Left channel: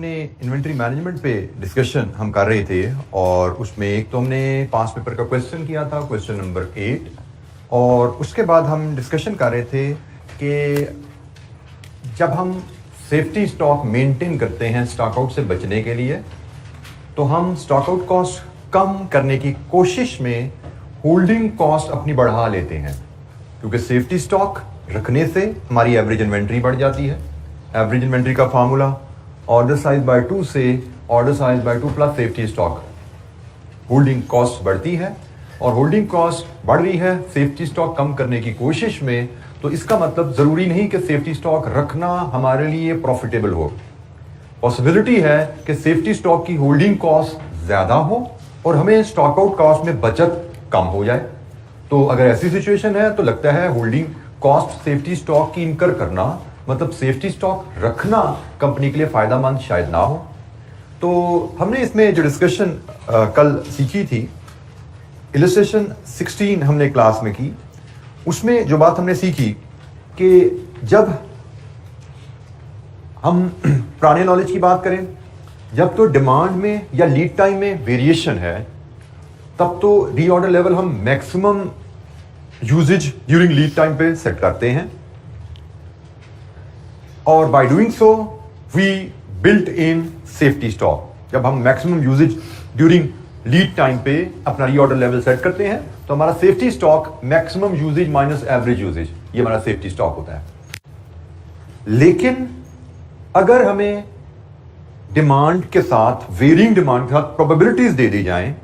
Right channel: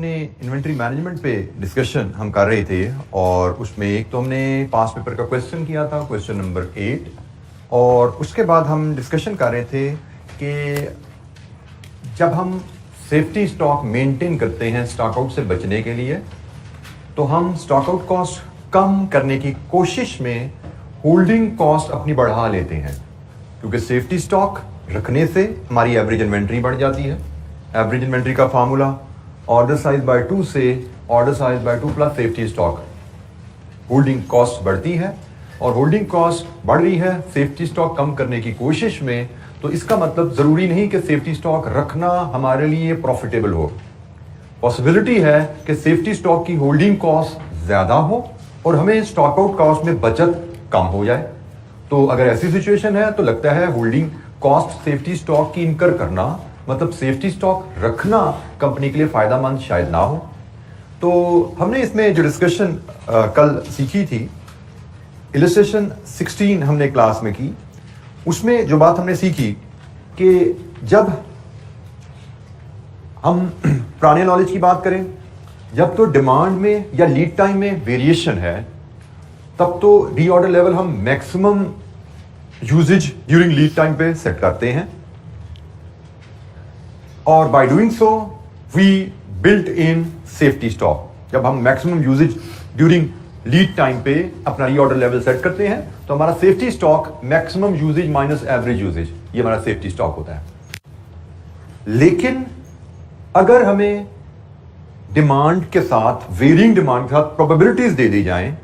हमने inventory management पे discussion हम कर रहे थे और उसमें एक तो हमने पास पेपर का क्वेश्चन किया था, क्वेश्चन नंबर 8, और उसके बाद हम डिस्कशन कर रहे थे कि जब हम सेफ्टी स्टॉक मेंटेन करते हैं स्टॉक आउट से बचने के लिए, तो हम स्टॉक आउट कॉस्ट कम करने की कोशिश में होल्डिंग कॉस्ट अपनी बढ़ा लेते हैं, क्योंकि सेफ्टी स्टॉक रखने से हमारी एवरेज इन्वेंट्री बढ़ जाती है। एवरेज इन्वेंट्री का फार्मूला ऑर्डर साइज बाय 2 से order size by 2 plus safety stock, holding cost बढ़ती है और होल्डिंग कॉस्ट बढ़ रही है सेफ्टी स्टॉक कम करने की कोशिश में। तो इसका मतलब जरूरी नहीं कि सेफ्टी स्टॉक रखना हमारे लिए प्रॉफिटेबल हो। पॉसिबिलिटी है कि सेफ्टी स्टॉक की होल्डिंग कॉस्ट ज्यादा हो और हमें स्टॉक आउट कॉस्ट में बचत कम हो जाए। तो अगर ऐसी सिचुएशन है तो लगता है होल्डिंग कॉस्ट सेफ्टी स्टॉक की इनकर करना, मतलब सेफ्टी स्टॉक रखना कंपनी के लिए फायदेमंद शायद ना हो। तो हमने इसमें जो डिस्कशन कल सीखी थी, इलस्ट्रेशन 16 हमने क्लास में की, उसमें जो बात हमने सीखी कि जब हम पुराने नॉलेज की बात करें, जब तो डिमांड में या लीड टाइम में वेरिएशन है, तब तो रीऑर्डर लेवल हम maximum usage during lead time पे सेट करते हैं और by doing so we built in safety stock. जब हम maximum usage during lead time पे अपना रीऑर्डर लेवल सेट करते हैं तो हमारा safety stock maximum usage minus average usage, ये हमारा सेफ्टी स्टॉक होता है। लेकिन अगर हमें डिमांड के साथ, वेरिंग डिमांड के साथ प्रोबेबिलिटीज दे दी जाएं,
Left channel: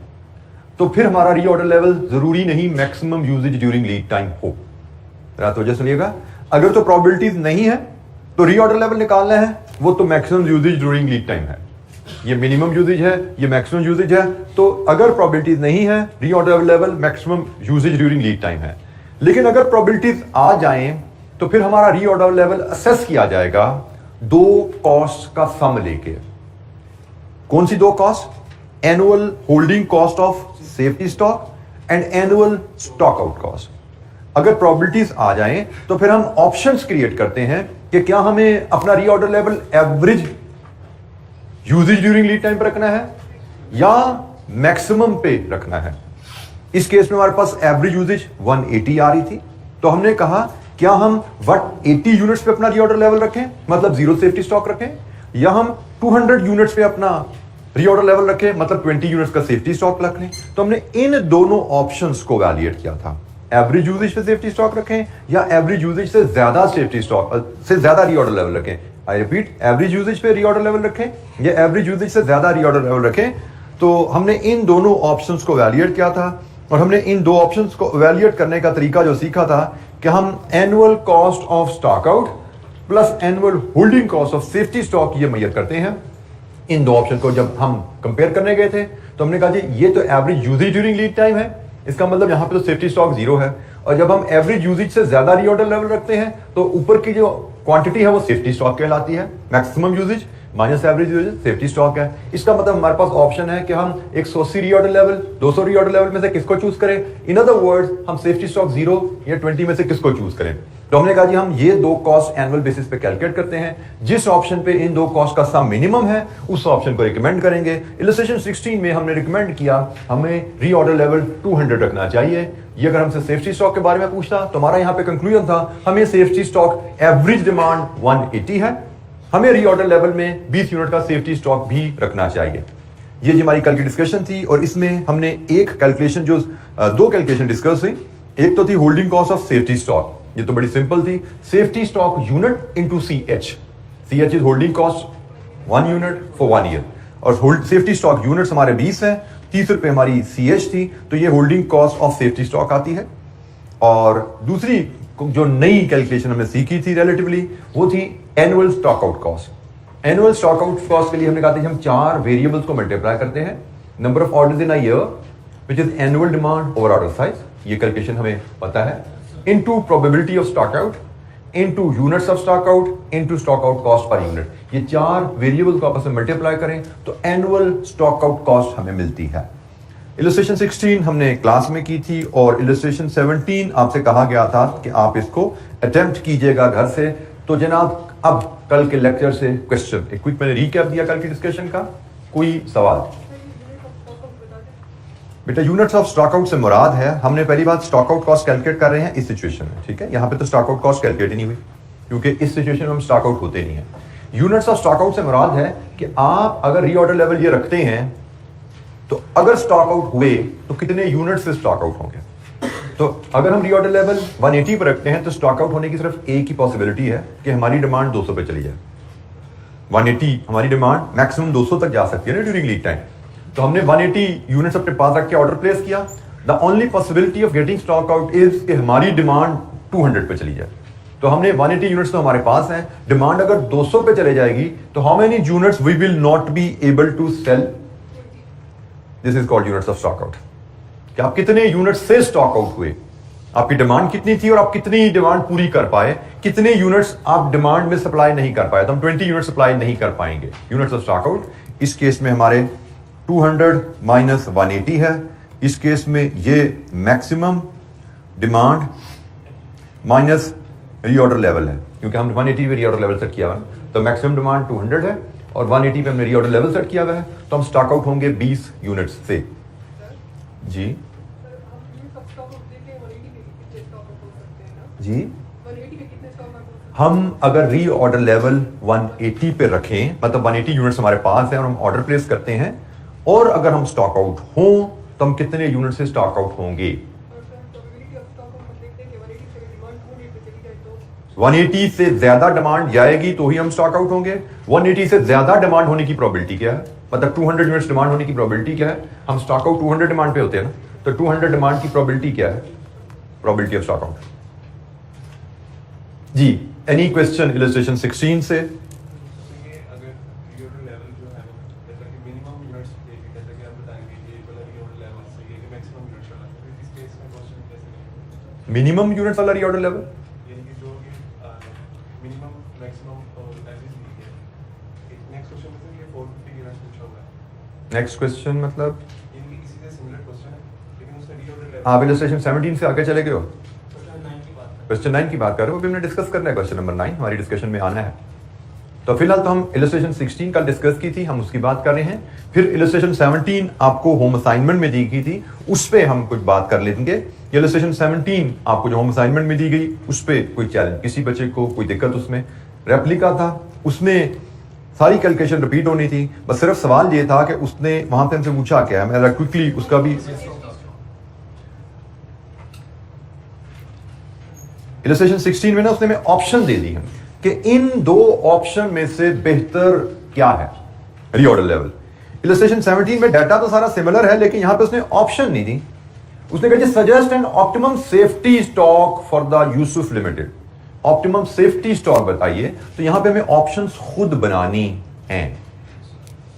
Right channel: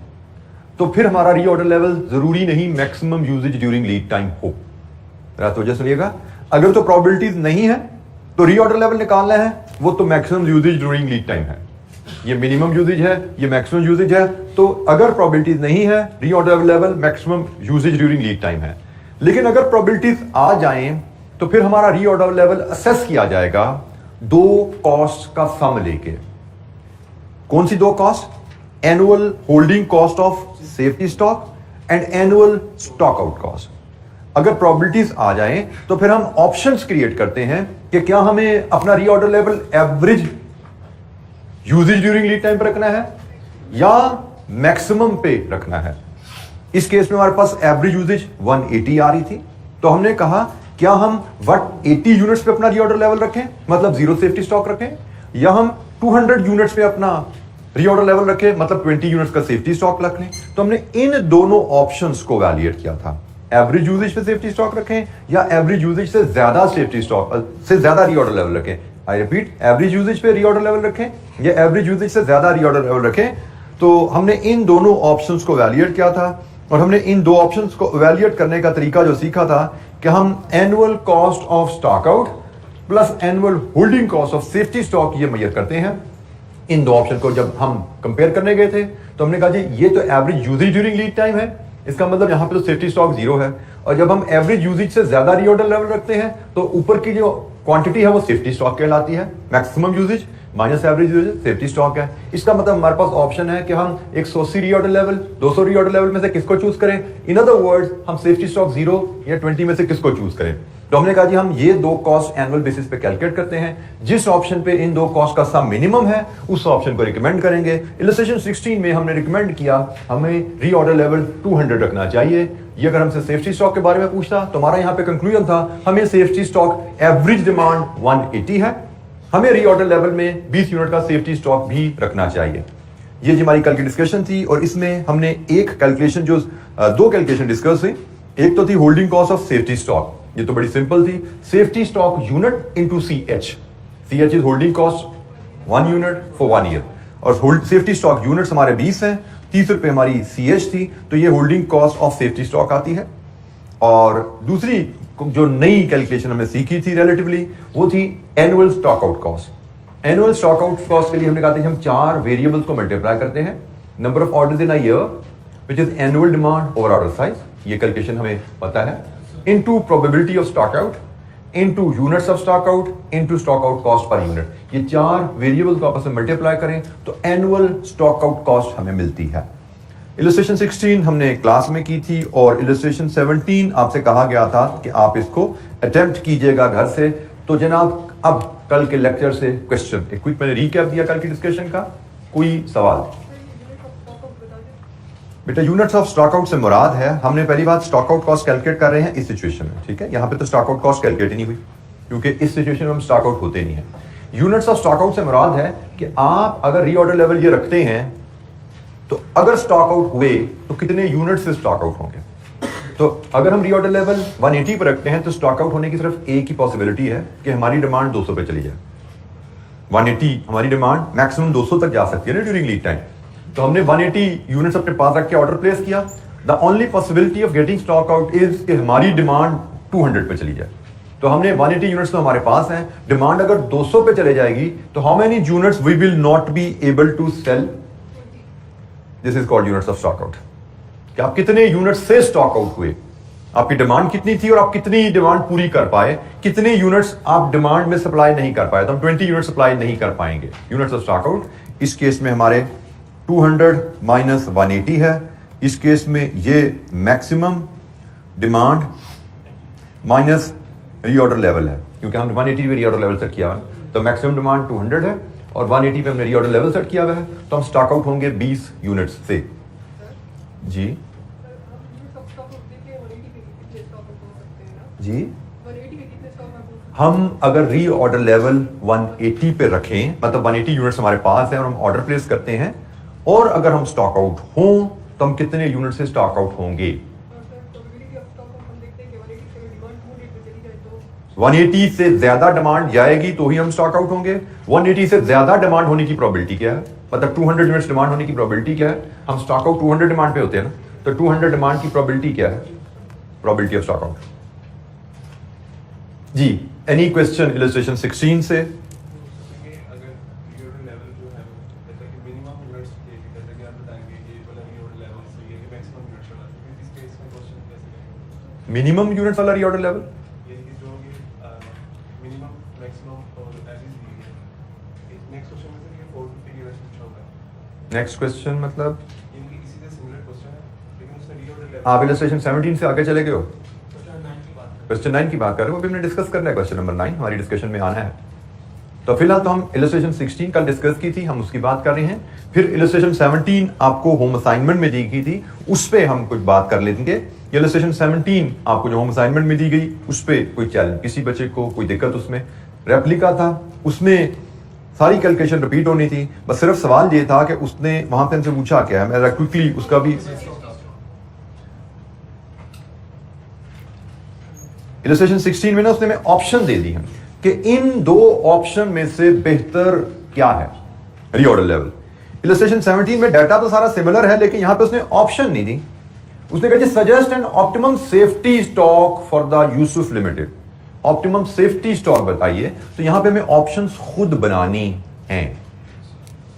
तो फिर हमारा रीऑर्डर लेवल जरूरी नहीं maximum usage during lead time हो। तो जैसे सुनिएगा, अगर तो प्रोबेबिलिटीज नहीं है तो रीऑर्डर लेवल निकालना है, वो तो maximum usage during lead time है, ये मिनिमम यूजेज है, ये मैक्सिमम यूजेज है। तो अगर प्रोबेबिलिटीज नहीं है, reorder level maximum usage during lead time है। लेकिन अगर प्रोबेबिलिटीज आ जाएं तो फिर हमारा रीऑर्डर लेवल असेस किया जाएगा दो कॉस्ट का सम लेके। कौन सी दो cost? Annual holding cost of safety stock and annual stock out cost. अगर प्रोबेबिलिटीज आ जाएं तो फिर हम ऑप्शंस क्रिएट करते हैं कि क्या हमें अपना reorder level average usage during lead time पर रखना है या मैक्सिमम पे रखना है। इस केस में हमारे पास एवरेज यूजेज 180 आ रही थी, तो हमने कहा क्या हम 180 यूनिट्स पे अपना रीऑर्डर लेवल रखें, मतलब जीरो सेफ्टी स्टॉक रखें, या हम 200 यूनिट्स पे अपना रीऑर्डर लेवल रखें, मतलब 20 यूनिट्स का सेफ्टी स्टॉक रख लें। तो हमने इन दोनों ऑप्शंस को वैलिडेट किया था, एवरेज यूजेज पे सेफ्टी स्टॉक रखें या एवरेज यूजेज से ज्यादा सेफ्टी स्टॉक से ज्यादा रीऑर्डर लेवल रखें। आई रिपीट, एवरेज यूजेज पे रीऑर्डर लेवल रखें या एवरेज यूजेज से ज्यादा रीऑर्डर लेवल रखें। तो हमने इन दोनों ऑप्शंस को वैलिडेट किया था और हमने इन दो ऑप्शंस को वैलिडेट करने का तरीका जो सीखा था कि हम annual cost of stock out plus annual holding cost of safety stock ये मेजर करते हैं। इन दो ऑप्शन को जब हम कंपेयर करने गए थे तो हमने कहा जी ये तो average usage during lead time है, इसका मतलब यहां पे तो सेफ्टी स्टॉक जीरो है, और जब हम एवरेज यूजेज से ज्यादा रीऑर्डर लेवल रखते हैं तो ऊपर की जो क्वांटिटी है वो सेफ्टी स्टॉक कहलाती है। Maximum usage minus average usage safety stock है। इसका मतलब हमारे पास ऑप्शन है कि हम 180 रीऑर्डर लेवल, 200 रीऑर्डर लेवल में से किसको चूज करें। इन अदर वर्ड्स, हम सेफ्टी स्टॉक 0 या 20 में से किसको चूज करें। तो हमने कहा जी हम ये दो कॉस्ट एनुअल बेसिस पे कैलकुलेट करते हैं, जिस ऑप्शन पे इन दो कॉस्ट का सम मिनिमम है उस ऑप्शन को रिकमेंड करेंगे। इलस्ट्रेशन 16 में हमने रिकमेंड किया हमें रीऑर्डर लेवल 200 रखना चाहिए। ये अगर हमसे सेफ्टी स्टॉक के बारे में पूछता तो हमारा यहाँ पे कंक्लूजन था हमें सेफ्टी स्टॉक एवरेज डिमांड 180 है, हमें रीऑर्डर लेवल में 20 यूनिट का सेफ्टी स्टॉक भी रखना चाहिए। ये जी हमारी कल की डिस्कशन थी और इसमें हमने एक कैलकुलेशन जो दो कैलकुलेशन डिस्कस हुई। एक तो थी holding cost of safety stock, ये तो बड़ी सिंपल थी, safety stock unit into CH। CH is holding cost 1 unit for 1 year, और सेफ्टी स्टॉक यूनिट्स हमारे 20 हैं, 30 रुपए हमारी CH थी, तो ये holding cost of safety stock आती है। और दूसरी जो नई कैलकुलेशन हमने सीखी थी रिलेटिवली, वो थी annual stock out cost. Annual stock out cost के लिए हमने कहा था हम 4 वेरिएबल्स को मल्टीप्लाई करते हैं, number of orders in a year which is annual demand over order size, ये कैलकुलेशन हमें पता है, into probability of stock out, into units of stock out, into stock out cost per unit. ये 4 variables को आपस में multiply करें तो एनुअल स्टॉक आउट कॉस्ट हमें मिलती है। इलस्ट्रेशन 16 हमने क्लास में की थी और इलस्ट्रेशन 17 आपसे कहा गया था कि आप इसको अटेम्प्ट कीजिएगा घर से। तो जनाब अब कल के लेक्चर से क्वेश्चन, एक क्विक मैंने रीकैप दिया कल की डिस्कशन का, कोई सवाल? बेटा यूनिट्स ऑफ स्टॉकआउट से मुराद है, हमने पहली बात स्टॉकआउट कॉस्ट कैलकुलेट कर रहे हैं इस सिचुएशन में, ठीक है। यहां पे तो स्टॉकआउट कॉस्ट कैलकुलेट ही नहीं हुई क्योंकि इस सिचुएशन में हम स्टॉकआउट होते नहीं है। यूनिट्स ऑफ स्टॉकआउट से मुराद है कि आप अगर रीऑर्डर लेवल ये रखते हैं तो अगर स्टॉकआउट हुए तो कितने यूनिट से स्टॉकआउट होंगे। तो अगर हम रीऑर्डर लेवल 180 पर रखते हैं तो स्टॉकआउट होने की सिर्फ एक ही पॉसिबिलिटी है कि हमारी डिमांड 200 पे चली जाए। 180 हमारी डिमांड मैक्सिमम 200 तक जा सकती है ना ड्यूरिंग लीड टाइम। तो हमने 180 यूनिट्स अपने पास रख के ऑर्डर प्लेस किया। The only possibility of getting stock out is कि हमारी डिमांड 200 पे चली जाए। तो हमने 180 यूनिट्स तो हमारे पास हैं, डिमांड अगर 200 पे चले जाएगी तो how many units we will not be able to sell, this is called units of stock out. कि आप कितने यूनिट्स से स्टॉक आउट हुए, आपकी डिमांड कितनी थी और आप कितनी डिमांड पूरी कर पाए, कितने यूनिट्स आप डिमांड में सप्लाई नहीं कर पाए। तो हम 20 यूनिट सप्लाई नहीं कर पाएंगे यूनिट्स ऑफ स्टॉक आउट। इस केस में हमारे 200 माइनस 180 है। इस केस में ये maximum demand minus reorder level है, क्योंकि हमने 180 पे रीऑर्डर लेवल सेट किया हुआ है। तो मैक्सिमम डिमांड 200 है और 180 पे हमने रीऑर्डर लेवल सेट किया हुआ है। तो हम स्टॉक आउट होंगे 20 यूनिट्स से। जी जी, हम अगर रीऑर्डर लेवल 180 पे रखें, मतलब 180 यूनिट्स हमारे पास है और हम ऑर्डर प्लेस करते हैं, और अगर हम स्टॉक आउट हों तो हम कितने यूनिट से स्टॉक आउट होंगे। 180 से ज्यादा डिमांड जाएगी तो ही हम स्टॉक आउट होंगे। 180 से ज्यादा डिमांड होने की प्रोबेबिलिटी क्या है, मतलब 200 यूनिट्स डिमांड होने की प्रोबेबिलिटी क्या है। हम स्टॉक आउट 200 डिमांड पे होते हैं ना, तो 200 डिमांड की प्रोबेबिलिटी क्या है, प्रोबेबिलिटी ऑफ स्टॉक आउट। जी, एनी क्वेश्चन इलस्ट्रेशन 16 से? मिनिमम यूनिट्स वाला रीऑर्डर लेवल, नेक्स्ट क्वेश्चन मतलब आप इलस्ट्रेशन 17 से आगे चले गए हो, क्वेश्चन 9 की बात कर रहे हो। अभी हमने डिस्कस करना है क्वेश्चन नंबर 9, हमारी डिस्कशन में आना है। तो फिलहाल तो हम इलस्ट्रेशन 16 कल डिस्कस की थी, हम उसकी बात कर रहे हैं। फिर इलस्ट्रेशन 17 आपको होम असाइनमेंट में दी गई थी, उस पर हम कुछ बात कर लेंगे। इलस्ट्रेशन 17 आपको जो होम असाइनमेंट में दी गई, उस पर कोई चैलेंज, किसी बच्चे को कोई दिक्कत, उसमें रेप्लिका था, उसमें सारी कैलकुलेशन रिपीट होनी थी। बस सिर्फ सवाल ये था कि उसने वहां पे हमसे पूछा क्या है, मैं क्विकली उसका भी इलस्ट्रेशन 16 में ना उसने मैं ऑप्शन दे दी है कि इन दो ऑप्शन में से बेहतर क्या है रीऑर्डर लेवल। इलस्ट्रेशन 17 में डाटा तो सारा सिमिलर है, लेकिन यहां पे उसने ऑप्शन नहीं दी। उसने कहा suggest an optimum safety stock for the Yusuf limited. Optimum safety stock बताइए। तो यहां पे हमें ऑप्शंस खुद बनानी हैं,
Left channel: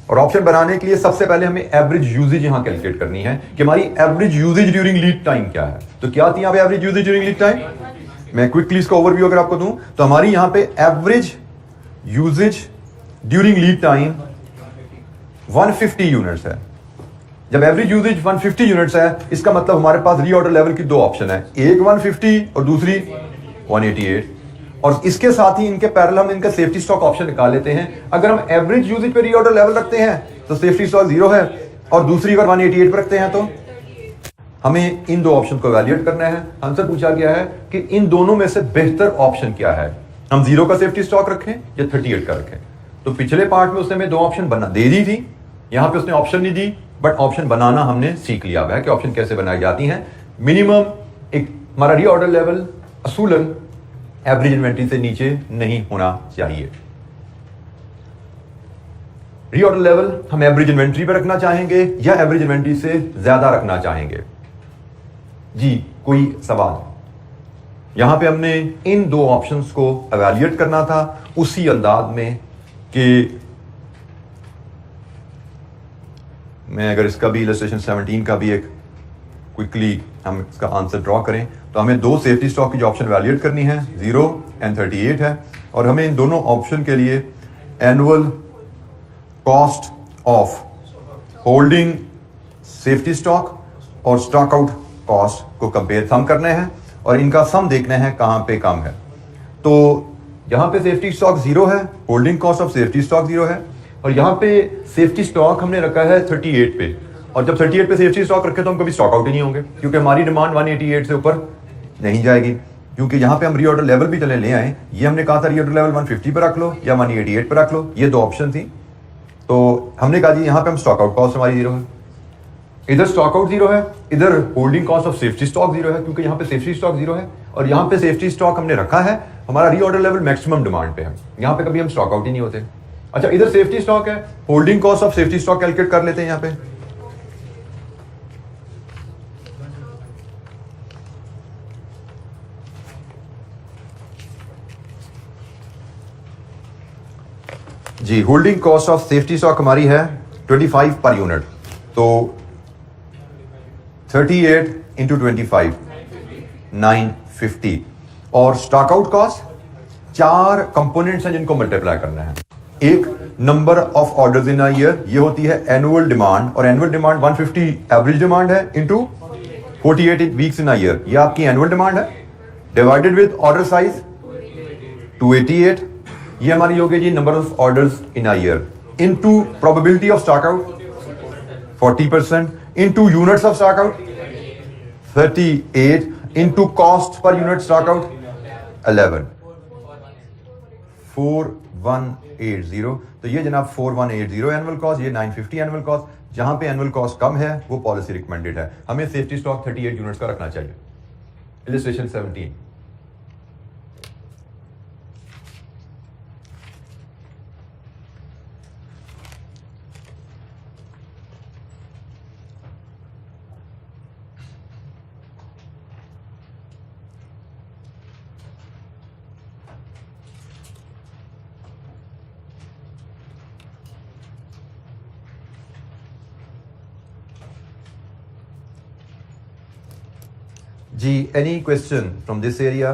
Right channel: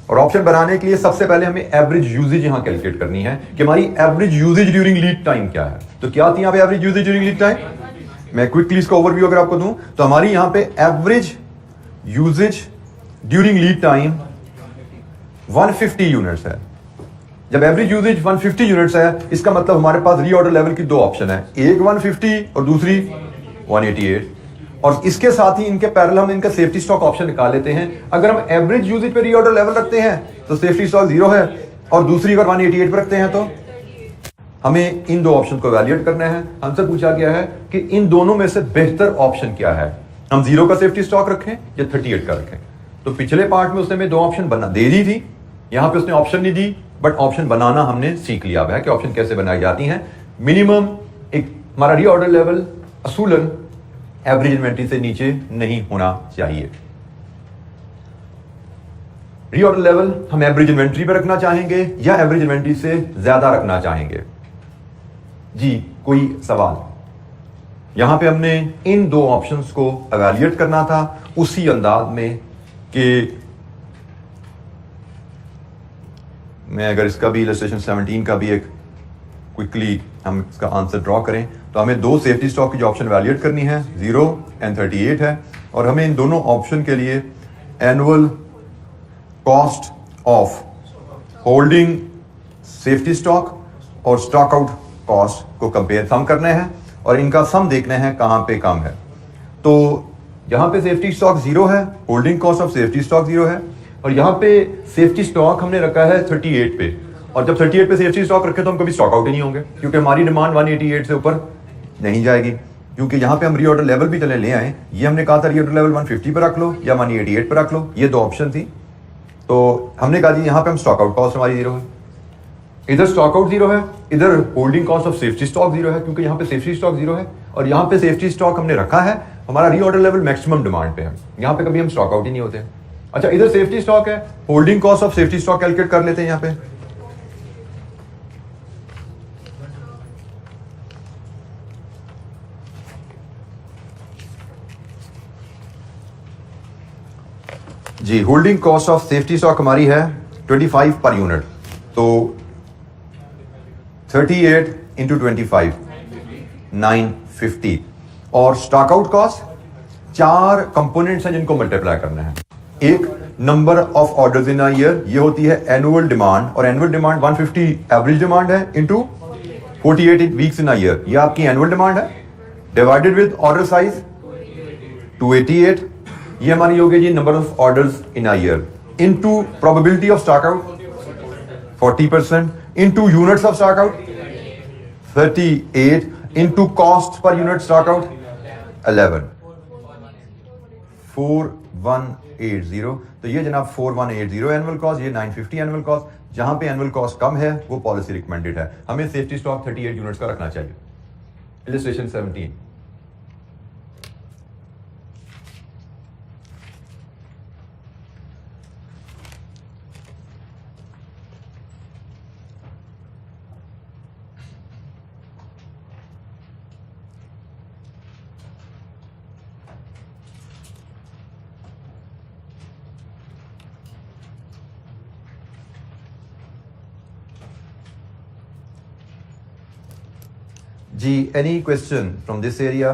और ऑप्शन बनाने के लिए सबसे पहले हमें एवरेज यूजेज यहां कैलकुलेट करनी है कि हमारी average usage during lead time क्या है। तो क्या थी यहां पे average usage during lead time, मैं क्विकली इसका ओवरव्यू अगर आपको दूं तो हमारी यहां पे average usage during lead time 150 units है। जब एवरेज यूजेज 150 यूनिट्स है, इसका मतलब हमारे पास रीऑर्डर लेवल की दो ऑप्शन है, एक 150 और दूसरी 188। और इसके साथ ही इनके पैरेलल हम इनका सेफ्टी स्टॉक ऑप्शन निकाल लेते हैं। अगर हम एवरेज यूजेज पे रीऑर्डर लेवल रखते हैं तो सेफ्टी स्टॉक 0 है, और दूसरी अगर 188 पे रखते हैं तो हमें इन दो ऑप्शन को वैल्यूएट करना है। हमसे पूछा गया है कि इन दोनों में से बेहतर ऑप्शन क्या है, हम 0 का सेफ्टी स्टॉक रखें या 38 का रखें। तो पिछले पार्ट में उसने हमें दो ऑप्शन बना दे दी थी, यहां पे उसने ऑप्शन नहीं दी, बट ऑप्शन बनाना हमने सीख लिया है कि ऑप्शन कैसे बनाई जाती हैं। मिनिमम एक हमारा रीऑर्डर लेवल असूलन एवरेज इन्वेंट्री से नीचे नहीं होना चाहिए। रीऑर्डर लेवल हम एवरेज इन्वेंट्री पे रखना चाहेंगे या एवरेज इन्वेंट्री से ज्यादा रखना चाहेंगे। जी, कोई सवाल? यहां पे हमने इन दो ऑप्शंस को एवेल्युएट करना था उसी अंदाज में कि मैं अगर इसका भी इलस्ट्रेशन 17 का भी एक क्विकली हम इसका आंसर ड्रॉ करें तो हमें दो सेफ्टी स्टॉक की जो ऑप्शन वैल्यूएट करनी है 0 एंड 38 है, और हमें इन दोनों ऑप्शन के लिए annual cost of holding safety stock और स्टॉक आउट कॉस्ट को कंपेयर सम करने हैं, और इनका सम देखना है कहां पे कम है। तो यहां पे सेफ्टी स्टॉक 0 है, holding cost of safety stock 0 है, और यहां पे सेफ्टी स्टॉक हमने रखा है 38 पे। और जब 38 पे सेफ्टी स्टॉक रखे तो हम कभी स्टॉक आउट ही नहीं होंगे, क्योंकि हमारी डिमांड 188 से ऊपर नहीं जाएगी। क्योंकि यहां पे हम रीऑर्डर लेवल भी चले ले आए, ये हमने कहा था रीऑर्डर लेवल 150 पे रख लो या 188 पे रख लो, ये दो ऑप्शन थी। तो हमने कहा जी यहां पे हम स्टॉक आउट कॉस्ट हमारी 0 है, इधर स्टॉक आउट 0 है, इधर holding cost of safety stock 0 है, क्योंकि यहां पे सेफ्टी स्टॉक 0 है और यहां पे सेफ्टी स्टॉक हमने रखा है हमारा रीऑर्डर लेवल मैक्सिमम डिमांड पे है, यहां पे कभी हम स्टॉक आउट ही नहीं होते। अच्छा, इधर सेफ्टी स्टॉक है, holding cost of safety stock calculate कर लेते हैं यहां पे। जी, holding cost of safety stock हमारी है 25 पर यूनिट, तो 38 इंटू 25 950, और स्टॉक आउट कॉस्ट 4 कंपोनेंट्स हैं जिनको मल्टीप्लाई करना है। एक number of orders in a year, ये होती है एनुअल डिमांड, और एनुअल डिमांड 150 एवरेज डिमांड है into 48 weeks in a year, ये आपकी एनुअल डिमांड है, डिवाइडेड विद ऑर्डर साइज 288, ये हमारी हो गई जी number of orders in a year, into probability of stock out 40%, into units of stock out 38, into cost per unit stock out 11, 4180। तो ये जनाब 4180 एनुअल कॉस्ट, ये 950 एनुअल कॉस्ट। जहां पे एनुअल कॉस्ट कम है वो पॉलिसी रिकमेंडेड है, हमें सेफ्टी स्टॉक 38 यूनिट्स का रखना चाहिए। इलस्ट्रेशन 17। जी, any question from this area?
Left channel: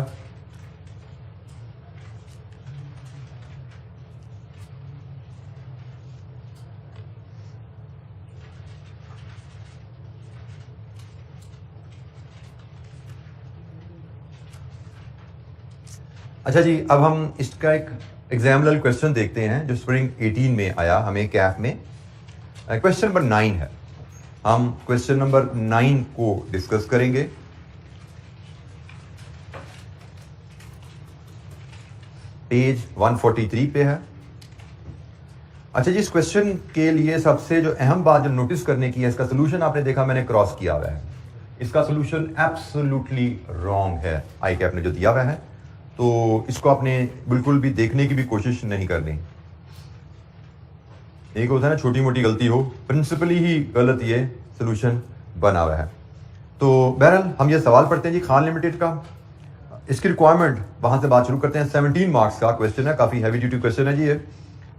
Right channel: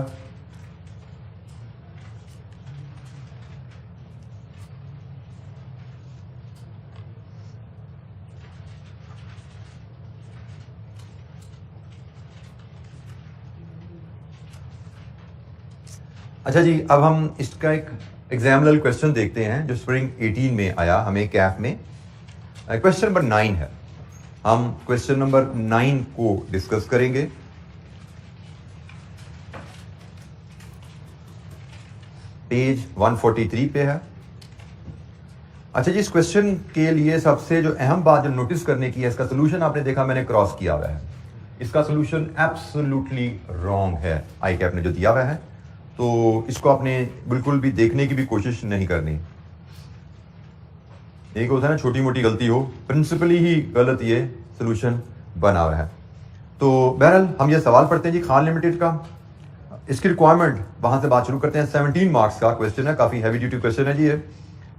अच्छा जी, अब हम इसका एक एग्जाम्पल क्वेश्चन देखते हैं जो स्प्रिंग 18 में आया हमें कैफ में। क्वेश्चन नंबर 9 है, हम क्वेश्चन नंबर 9 को डिस्कस करेंगे। पेज 143 पे है। अच्छा जी, इस क्वेश्चन के लिए सबसे जो अहम बात जो नोटिस करने की है, इसका सोल्यूशन आपने देखा मैंने क्रॉस किया हुआ है, इसका सोल्यूशन एब्सोल्युटली रॉन्ग है आई कैप ने जो दिया हुआ है, तो इसको आपने बिल्कुल भी देखने की भी कोशिश नहीं करनी। एक होता है ना छोटी मोटी गलती हो, प्रिंसिपली ही गलत ये सोल्यूशन बना हुआ है। तो बहरहाल हम ये सवाल पढ़ते हैं जी खान लिमिटेड का, इसकी रिक्वायरमेंट वहां से बात शुरू करते हैं। 17 मार्क्स का क्वेश्चन है, काफी हैवी ड्यूटी क्वेश्चन है जी ये।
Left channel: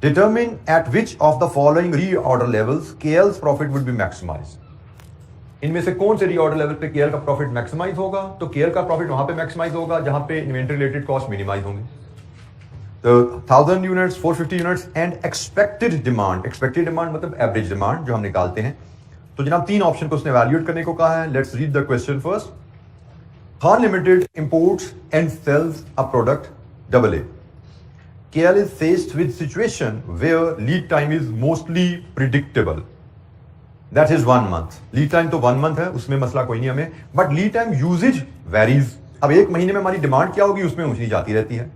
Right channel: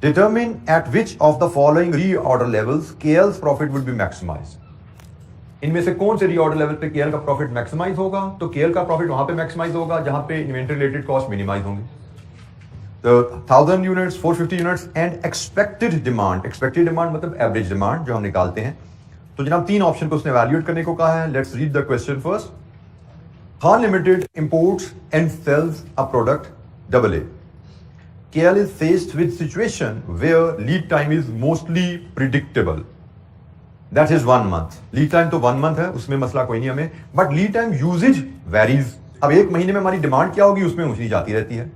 Determine at which of the following reorder levels KL's profit will be maximised. इनमें से कौन से रीऑर्डर लेवल पे केएल का प्रॉफिट मैक्सिमाइज होगा? तो केएल का प्रॉफिट वहां पे मैक्सिमाइज होगा जहां पे इन्वेंटरी रिलेटेड कॉस्ट मिनिमाइज होंगे। तो 1000 units, 450 units and expected demand. Expected demand मतलब एवरेज डिमांड जो हम निकालते हैं। तो जनाब 3 ऑप्शन को उसने वैल्यूएट करने को कहा है। Let's read the question first. Khan Limited imports and sells a product AA. KL is faced with situation where lead time is mostly predictable. That is 1 month. Lead time तो 1 month है, उसमें मसला कोई नहीं हमें, but lead time usage varies. अब 1 महीने में हमारी डिमांड क्या होगी उसमें ऊंच नीच आती रहती है,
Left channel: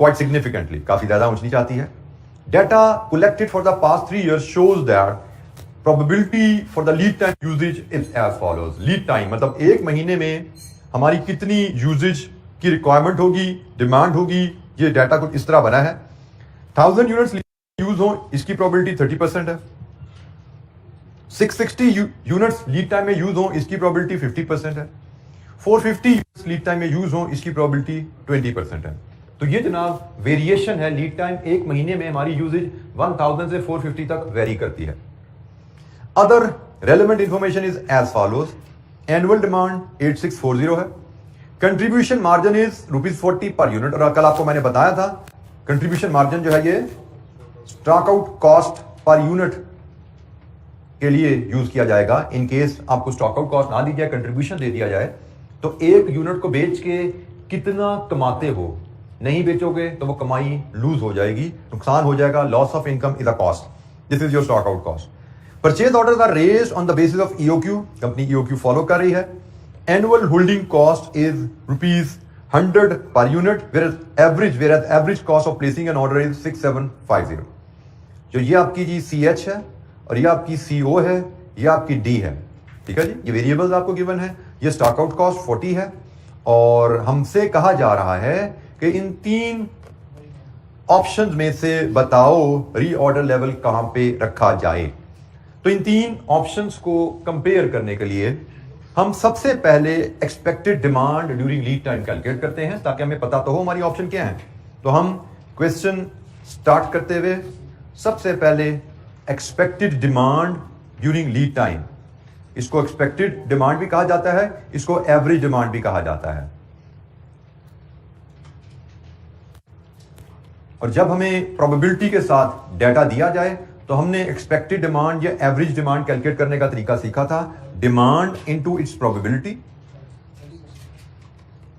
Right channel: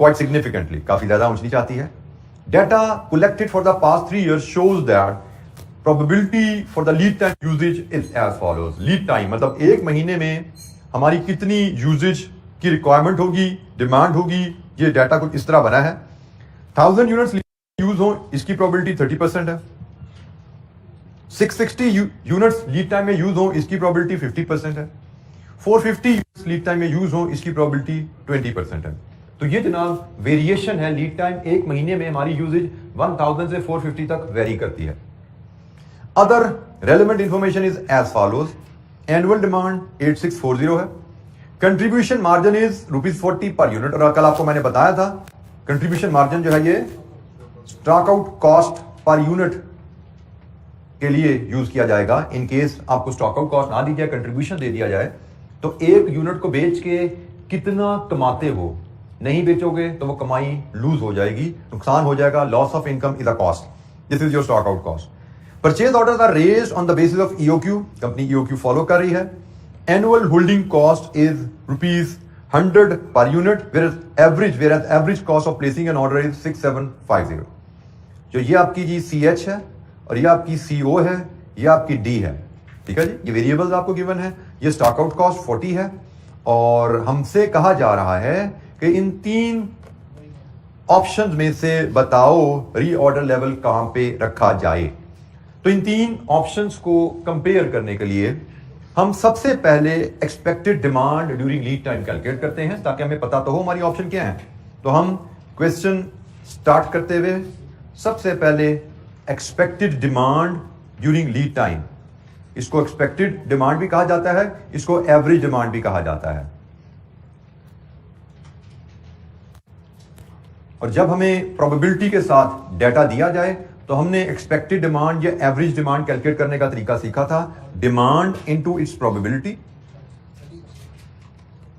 quite significantly, काफी ज्यादा ऊंच नीच आती है। Data collected for the past 3 years shows that probability for the lead time usage is as follows. Lead time मतलब 1 महीने में हमारी कितनी यूजेज की रिक्वायरमेंट होगी, डिमांड होगी, ये डाटा कुछ इस तरह बना है। 1000 यूनिट्स यूज हो इसकी प्रोबेबिलिटी 30% है। 660 यूनिट्स लीड टाइम में यूज हो इसकी प्रोबेबिलिटी 50% है। 450 यूनिट्स लीड टाइम में यूज हो इसकी प्रोबेबिलिटी 20% है। तो ये जनाब वेरिएशन है। लीड टाइम 1 महीने में हमारी यूजेज 1000 से 450 तक वेरी करती है। Other relevant information is as follows. Annual demand 8640 है। Contribution margin is ₹40 per unit, और कल आपको मैंने बताया था कंट्रीब्यूशन मार्जिन जो है ये stock out cost per unit के लिए यूज किया जाएगा। इन केस आपको स्टॉक आउट कॉस्ट ना दी जाए, कंट्रीब्यूशन दे दिया जाए, तो 1 यूनिट को बेच के कितना कमाते हो नहीं बेचोगे तो वो कमाई लूज हो जाएगी, नुकसान हो जाएगा, loss of income is a cost, this is your stock out cost. Purchase orders are raised on the basis of EOQ, company EOQ follow कर रही है। Annual holding cost is ₹100 per unit, whereas average cost of placing an order is 6750। जो ये आपकी जी CH है और ये आपकी CO है, ये आपकी D है, ठीक है जी। ये वेरिएबल्स आपको गिवन है। ये स्टॉक आउट कॉस्ट 40 है और हमसे कहा जा रहा है कि इन 3 ऑप्शंस में से बताओ रीऑर्डर लेवल कहां पे रखा जाए। तो इन 3 ऑप्शंस को कंपेयर करने के लिए हम सबसे पहले expected demand during lead time calculate करते हैं, ताकि हमें पता तो हो हमारी ऑप्शन क्या है। तो हम क्वेश्चन स्टार्ट करते हुए सबसे पहले expected demand during lead time, इसको एक्सपेक्टेड डिमांड भी कहा जाता है, इसको एवरेज डिमांड भी कहा जाता है। और जब हमें प्रोबेबिलिटी के साथ डेटा दिया जाए तो हमने एक्सपेक्टेड डिमांड या एवरेज डिमांड कैलकुलेट करने का तरीका सीखा था। Demand into its probability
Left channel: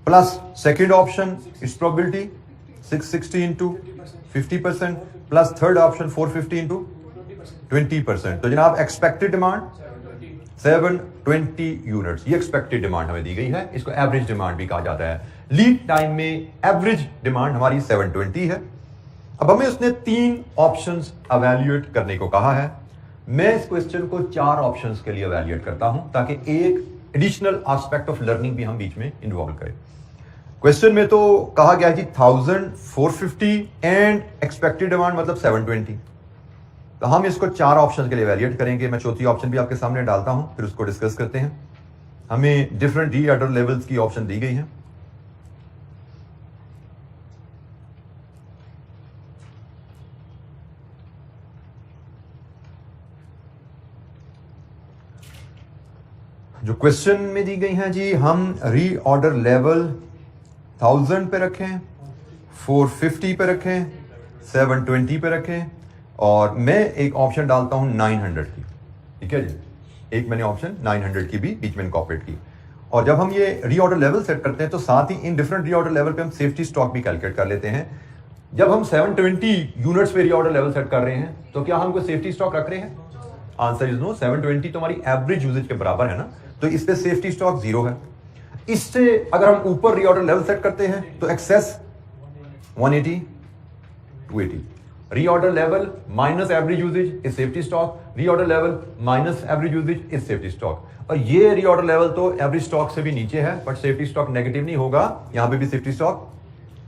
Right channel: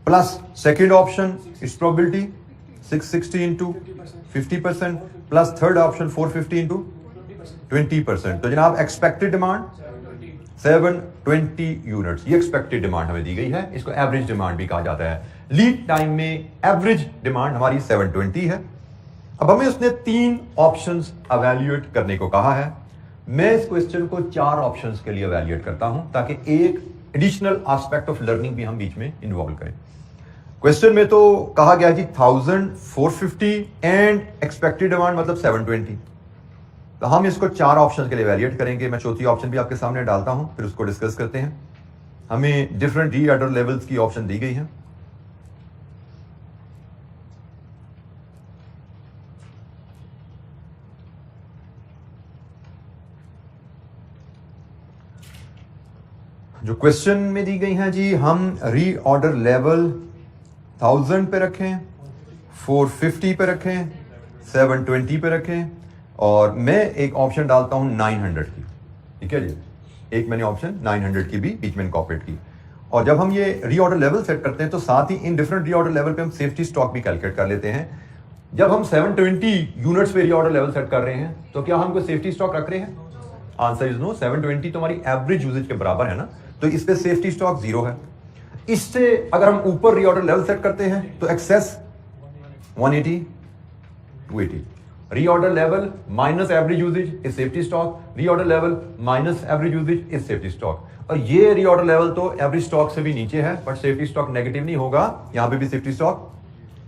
plus second option it's probability 660 into 50% plus third option 450 into 20%। तो जनाब एक्सपेक्टेड डिमांड 720 यूनिट्स, ये एक्सपेक्टेड डिमांड हमें दी गई है, इसको एवरेज डिमांड भी कहा जाता है। लीड टाइम में एवरेज डिमांड हमारी 720 है। अब हमें उसने 3 ऑप्शंस एवेल्युएट करने को कहा है। मैं इस क्वेश्चन को 4 ऑप्शंस के लिए एवेल्युएट करता हूं, ताकि एक एडिशनल एस्पेक्ट ऑफ लर्निंग भी हम बीच में इन्वॉल्व करें। क्वेश्चन में तो कहा गया कि 1450 एंड एक्सपेक्टेड डिमांड मतलब 720। तो हम इसको 4 ऑप्शन के लिए एवेल्युएट करेंगे। मैं चौथी ऑप्शन भी आपके सामने डालता हूं, फिर उसको डिस्कस करते हैं। हमें डिफरेंट रीऑर्डर लेवल्स की ऑप्शन दी गई है। जो क्वेश्चन में दी गई हैं जी, हम रीऑर्डर लेवल 1000 पे रखें, 450 पे रखें, 720 पे रखें, और मैं एक ऑप्शन डालता हूं 900 की, ठीक है जी। एक मैंने ऑप्शन 900 की भी बीच में इनकॉर्पोरेट की। और जब हम ये रीऑर्डर लेवल सेट करते हैं तो साथ ही इन डिफरेंट रीऑर्डर लेवल पे हम सेफ्टी स्टॉक भी कैलकुलेट कर लेते हैं। जब हम 720 यूनिट्स पे रीऑर्डर लेवल सेट कर रहे हैं तो क्या हम कोई सेफ्टी स्टॉक रख रहे हैं? Answer is no. 720 तो हमारी एवरेज यूजेज के बराबर है ना, तो इस पे सेफ्टी स्टॉक 0 है। इससे अगर हम ऊपर रीऑर्डर लेवल सेट करते हैं तो excess 180 280, reorder level minus average usage is safety stock, reorder level minus average usage is safety stock. और ये रीऑर्डर लेवल तो एवरेज स्टॉक से भी नीचे है, बट सेफ्टी स्टॉक नेगेटिव नहीं होगा, यहां पे भी सेफ्टी स्टॉक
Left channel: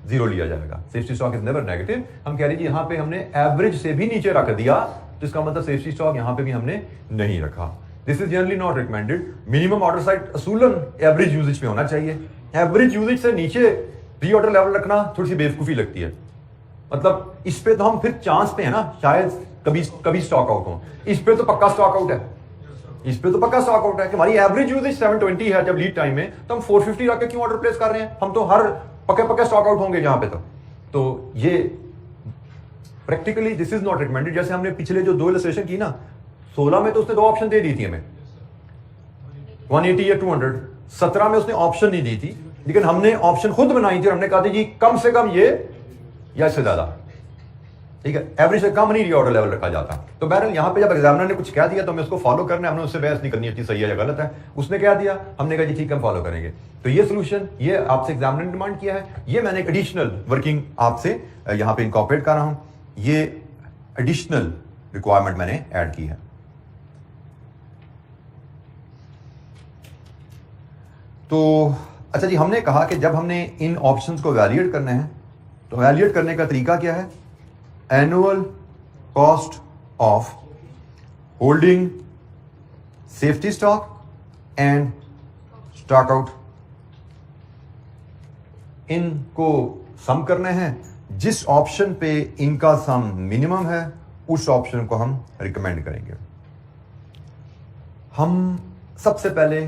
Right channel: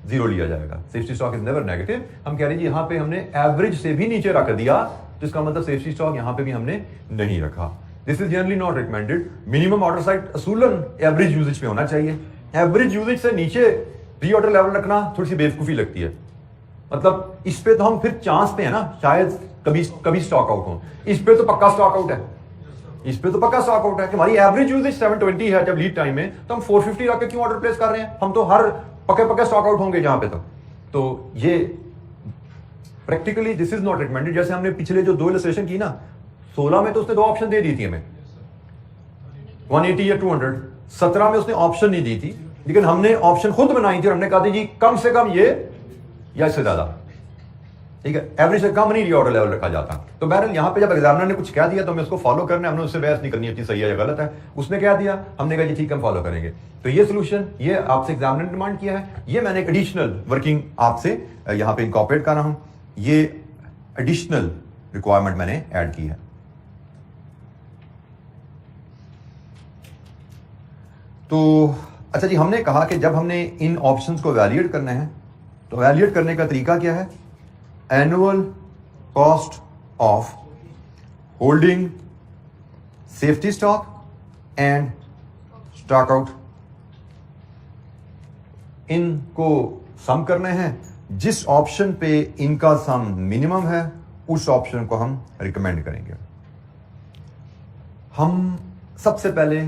0 लिया जाएगा। Safety stock is never negative. हम कह रहे हैं यहां पे हमने एवरेज से भी नीचे रख दिया, तो इसका मतलब सेफ्टी स्टॉक यहां पे भी हमने नहीं रखा। This is generally not recommended. Minimum order size असूलन एवरेज यूजेज पे होना चाहिए। एवरेज यूजेज से नीचे रीऑर्डर लेवल रखना थोड़ी सी बेवकूफी लगती है। मतलब इस पे तो हम फिर चांस पे है ना, शायद कभी स्टॉक आउट हो। इस पे तो पक्का स्टॉक आउट है, इस पे तो पक्का स्टॉक आउट है कि हमारी एवरेज यूजेज 720 है जब लीड टाइम में, तो हम 450 रख के क्यों ऑर्डर प्लेस कर रहे हैं? हम तो हर पक्के स्टॉक आउट होंगे जहां पे। तो ये practically this is not recommended. जैसे हमने पिछले जो 2 इलस्ट्रेशन की ना, 16 में तो उसने 2 ऑप्शन दे दी थी हमें, 180 या 200। 17 में उसने ऑप्शन नहीं दी थी, लेकिन हमने ऑप्शन खुद बनाई थी और हमने कहा था जी कम से कम ये या इससे ज्यादा, ठीक है, एवरेज से कम नहीं रीऑर्डर लेवल रखा जाता। तो बहरहाल यहां पे जब एग्जामिनर ने कुछ कह दिया तो हमें उसको फॉलो करना है, हमने उससे बहस नहीं करनी है कि सही है या गलत है। उसने क्या दिया, हमने कहा जी ठीक है हम फॉलो करेंगे। तो ये सोल्यूशन ये आपसे एग्जामिनर ने डिमांड किया है, ये मैंने एक एडिशनल वर्किंग आपसे यहां पे इनकॉर्पोरेट कर रहा हूं, ये एडिशनल रिक्वायरमेंट मैंने ऐड की है। तो अच्छा जी, हमने कहा कि जब हमने इन ऑप्शंस को वैल्यूएट करना है तो वैल्यूएट करने का तरीका क्या है? Annual cost of holding safety stock and stock out, इनको सम करने हैं। जिस ऑप्शन पे इनका सम मिनिमम है उस ऑप्शन को हम रिकमेंड करेंगे। हम सबसे पहले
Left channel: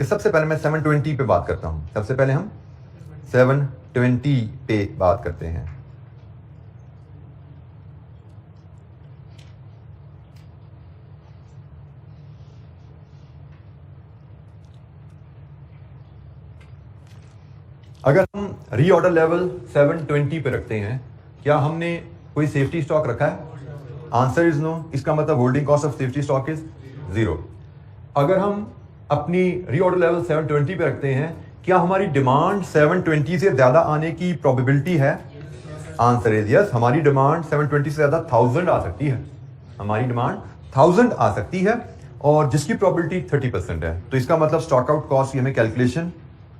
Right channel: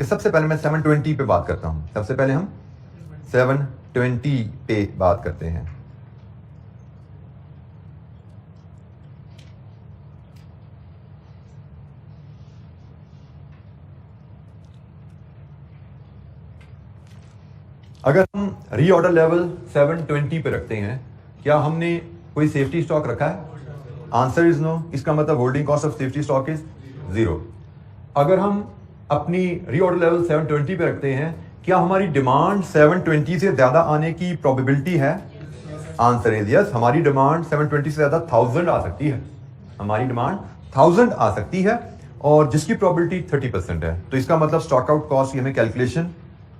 सबसे पहले मैं 720 पे बात करता हूं। सबसे पहले हम 720 पे बात करते हैं। अगर हम रीऑर्डर लेवल 720 पे रखते हैं, क्या हमने कोई सेफ्टी स्टॉक रखा है? Answer is no. इसका मतलब holding cost of safety stock is 0। अगर हम अपनी रीऑर्डर लेवल 720 पे रखते हैं, क्या हमारी डिमांड 720 से ज्यादा आने की प्रोबेबिलिटी है? Answer is yes. हमारी डिमांड 720 से ज्यादा 1000 आ सकती है। हमारी डिमांड 1000 आ सकती है और जिसकी प्रोबेबिलिटी 30% है। तो इसका मतलब स्टॉक आउट कॉस्ट की हमें कैलकुलेशन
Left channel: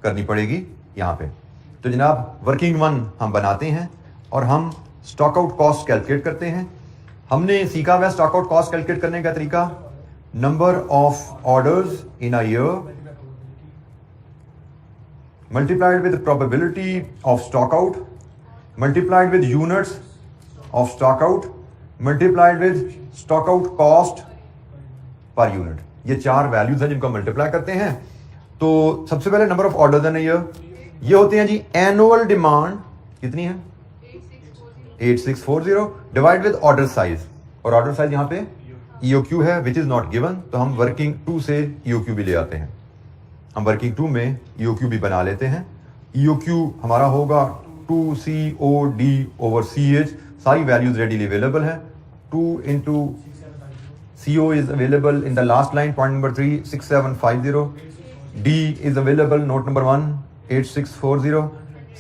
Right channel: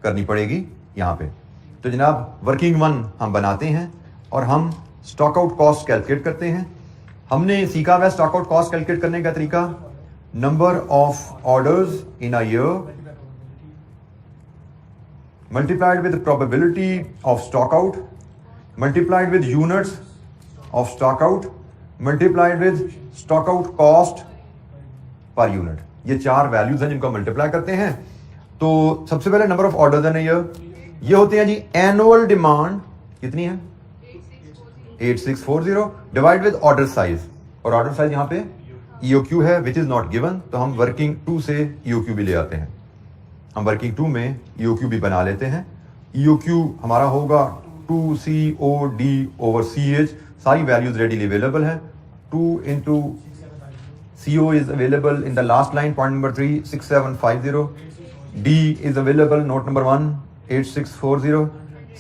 करनी पड़ेगी यहां पे। तो जनाब वर्किंग वन हम बनाते हैं और हम स्टॉक आउट कॉस्ट कैलकुलेट करते हैं। हमने सीखा हुआ स्टॉक आउट कॉस्ट कैलकुलेट करने का तरीका, number of orders in a year multiplied with the probability of stock out, multiplied with units of stock out, multiplied with stock out cost per unit। ये चार वैल्यूज हैं जिनको multiply करते हैं। तो सबसे पहले नंबर ऑफ ऑर्डर्स है ये होते हैं जी एनुअल डिमांड कितनी है? 8640 डिवाइड विद ऑर्डर साइज, और ऑर्डर साइज यहां पे EOQ है विच इज नॉट गिवन, तो हम वर्किंग 2 से EOQ भी ले आते हैं। हम वर्किंग 2 में EOQ भी बना लेते हैं। EOQ हमारा होगा 2COD ओवर CH, सारी वैल्यूज रेडीली अवेलेबल है। 2 into CO is available in the last line, point number 3 6750, D is available, note number 1 8640,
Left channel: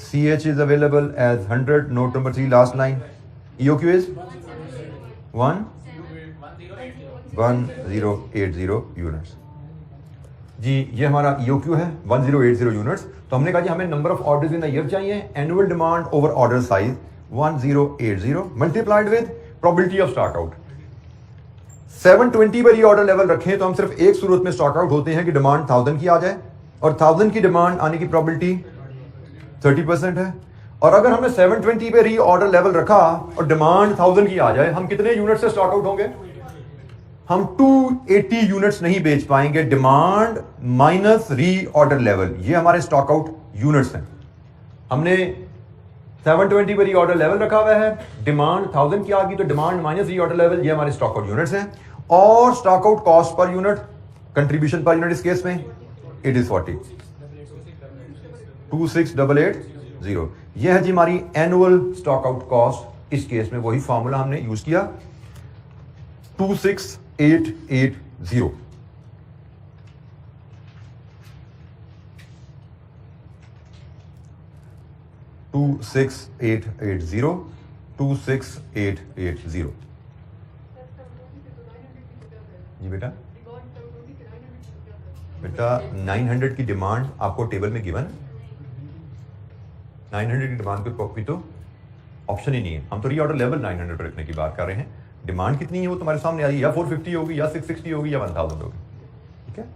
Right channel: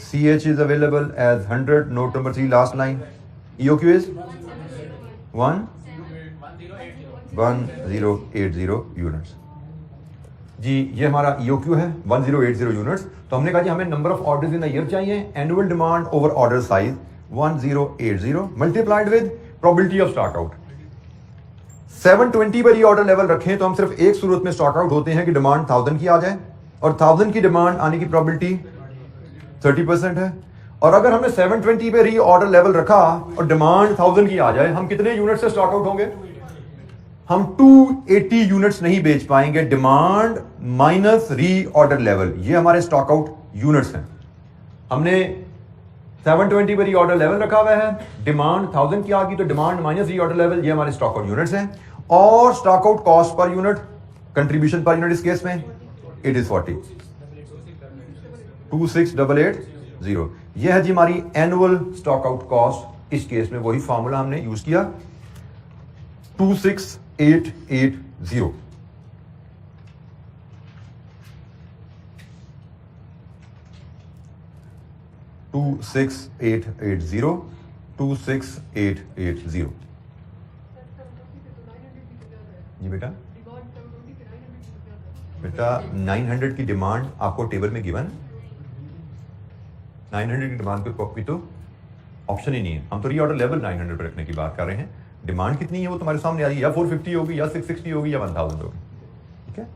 CH is available as 100, note number 3 last line, EOQ is 1080 units. जी ये हमारा EOQ है 1080 units. तो हमने कहा जी हमें number of orders in the year चाहिए, annual demand over order size 1080 multiplied with probability of stock out. 720 पर ये ऑर्डर लेवल रखें तो हम सिर्फ एक सूरत में स्टॉक आउट होते हैं कि डिमांड 1000 की आ जाए, और 1000 की डिमांड आने की प्रोबेबिलिटी 30% है। और अगर हमने 720 पे री ऑर्डर लेवल रखा और डिमांड 1000 की आ जाए, हम कितने यूनिट से स्टॉक आउट होंगे? हम 280 यूनिट्स नहीं बेच पाएंगे। डिमांड माइनस री ऑर्डर लेवल, ये हमारे स्टॉक आउट यूनिट्स हैं। हमने 720 पर री ऑर्डर लेवल रखा हुआ है, डिमांड 1000 की आ गई, तो डिमांड माइनस री ऑर्डर लेवल, ये हमारे स्टॉक आउट यूनिट्स हैं। और stock out cost per unit, contribution per unit इस केस में इट इज 40 26880। यह है जी हमारी एनुअल स्टॉक आउट कॉस्ट। इस केस में वही फॉर्मूला हमने यूज किया 26880। 26880 जी बेटा 900 की डिमांड आपको टेबल में गिवन, 900 की डिमांड पे तो ऑप्शन ही नहीं है। हम तो रीऑर्डर लेवल 900 पर रखने की बात कर रहे हैं। डिमांड कितनी है वो तुम्हारे सामने आ रही है, या 450 होगी या 660 होगी या 1000 होगी। ठीक है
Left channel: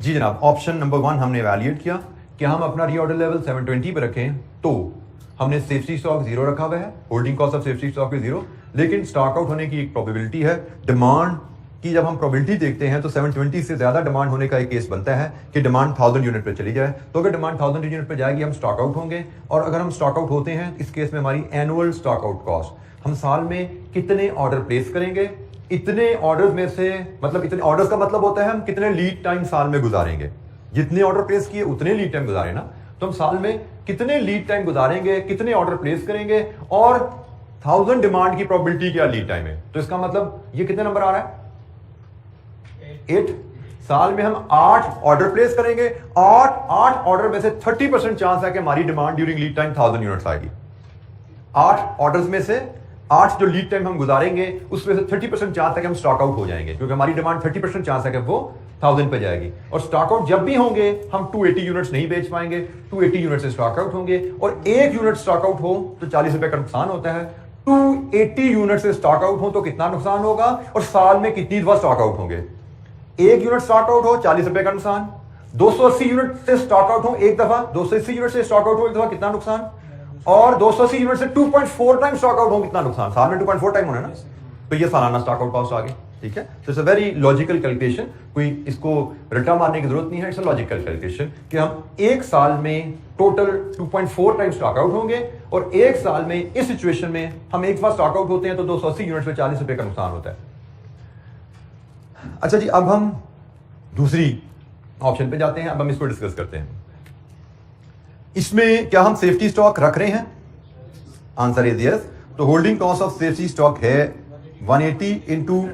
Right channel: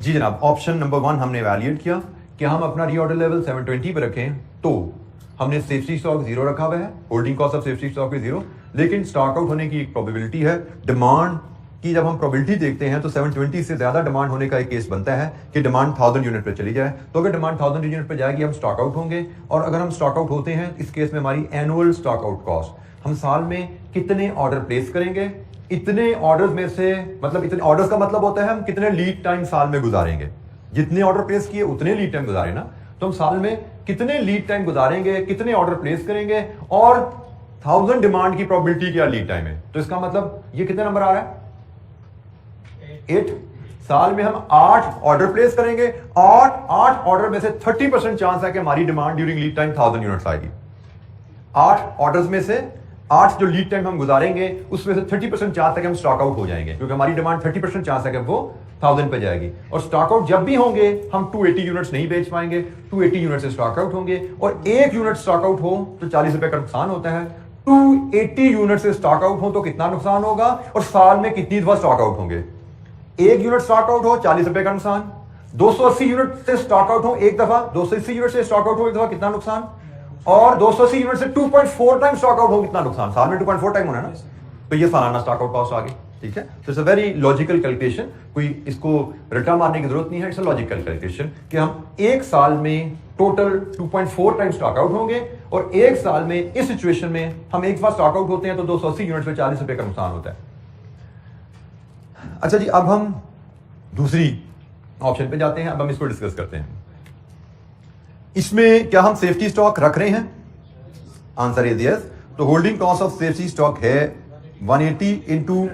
जी जनाब, ऑप्शन नंबर 1 हमने इवैल्यूएट किया कि हम अपना रीऑर्डर लेवल 720 पे रखें, तो हमने सेफ्टी स्टॉक 0 रखा हुआ है, holding cost of safety stock भी 0, लेकिन स्टॉक आउट होने की एक प्रोबेबिलिटी है। डिमांड की जब हम प्रोबेबिलिटी देखते हैं तो 720 से ज्यादा डिमांड होने का एक केस बनता है कि डिमांड 1000 यूनिट पे चली जाए। तो अगर डिमांड 1000 यूनिट पे जाएगी हम स्टॉक आउट होंगे, और अगर हम स्टॉक आउट होते हैं इस केस में हमारी एनुअल स्टॉक आउट कॉस्ट, हम साल में कितने ऑर्डर प्लेस करेंगे, इतने ऑर्डर्स में से, मतलब इतने ऑर्डर्स का मतलब होता है हम कितने लीड टाइम साल में गुजारेंगे। जितने ऑर्डर प्लेस किए उतने लीड टाइम गुजारे ना, तो हम साल में कितने लीड टाइम गुजारेंगे, कितने ऑर्डर प्लेस करेंगे, और 1000 डिमांड की प्रोबेबिलिटी क्या लीड टाइम है। तो इसका मतलब ये कितने नंबर आ रहा है 8। साल में हम 8 ऑर्डर प्लेस करेंगे, 8 ऑर्डर में से 30% चांस है कि हमारी demand during lead time 1000 units आएगी। 8 ऑर्डर्स में से 8 जो लीड टाइम हम गुजारेंगे उसमें से 30% चांस है कि हम स्टॉक आउट हो जाएंगे, क्योंकि हमारी डिमांड 30% चांस है कि वो 1000 पे जाएगी। और स्टॉक आउट जब भी होंगे हम 280 यूनिट्स नहीं बेच पाएंगे, 280 यूनिट से स्टॉक आउट होंगे, और 1 यूनिट स्टॉक आउट हो तो 40 रुपए का नुकसान होता है। 280 यूनिट से स्टॉक आउट हो तो कितना नुकसान होगा, और साल में कितनी दफा स्टॉक आउट होंगे। 1 यूनिट स्टॉक आउट हो 40 रुपए का नुकसान, 280 यूनिट से स्टॉक आउट हो एक दफा, 280 यूनिट से स्टॉक आउट हो एक दफा कितना नुकसान, और 280 यूनिट से 2.4 टाइम स्टॉक आउट हो कितना नुकसान। साल में 2.4 टाइम होना है ना, तो ये सालाना स्टॉक आउट कॉस्ट आ गई। ठीक है, तो it's a very logical calculation, कोई इसको रट्टा मारने की जरूरत नहीं है। इट्स अ लॉजिकल कैलकुलेशन कि हम एक साल में टोटल 2.4 टाइम स्टॉक आउट होंगे, और एक साल में इस सिचुएशन में हम एक बार स्टॉक आउट होते हैं तो 280 यूनिट में 40 रुपए का नुकसान होता है। अच्छा जी, अब हम दूसरी ऑप्शन पे जाते हैं। अब हम इसको डिस्कस करते हैं। इसमें क्या हम सेफ्टी स्टॉक रख रहे हैं? Answer is yes. तो holding cost of safety stock है 180 इंटू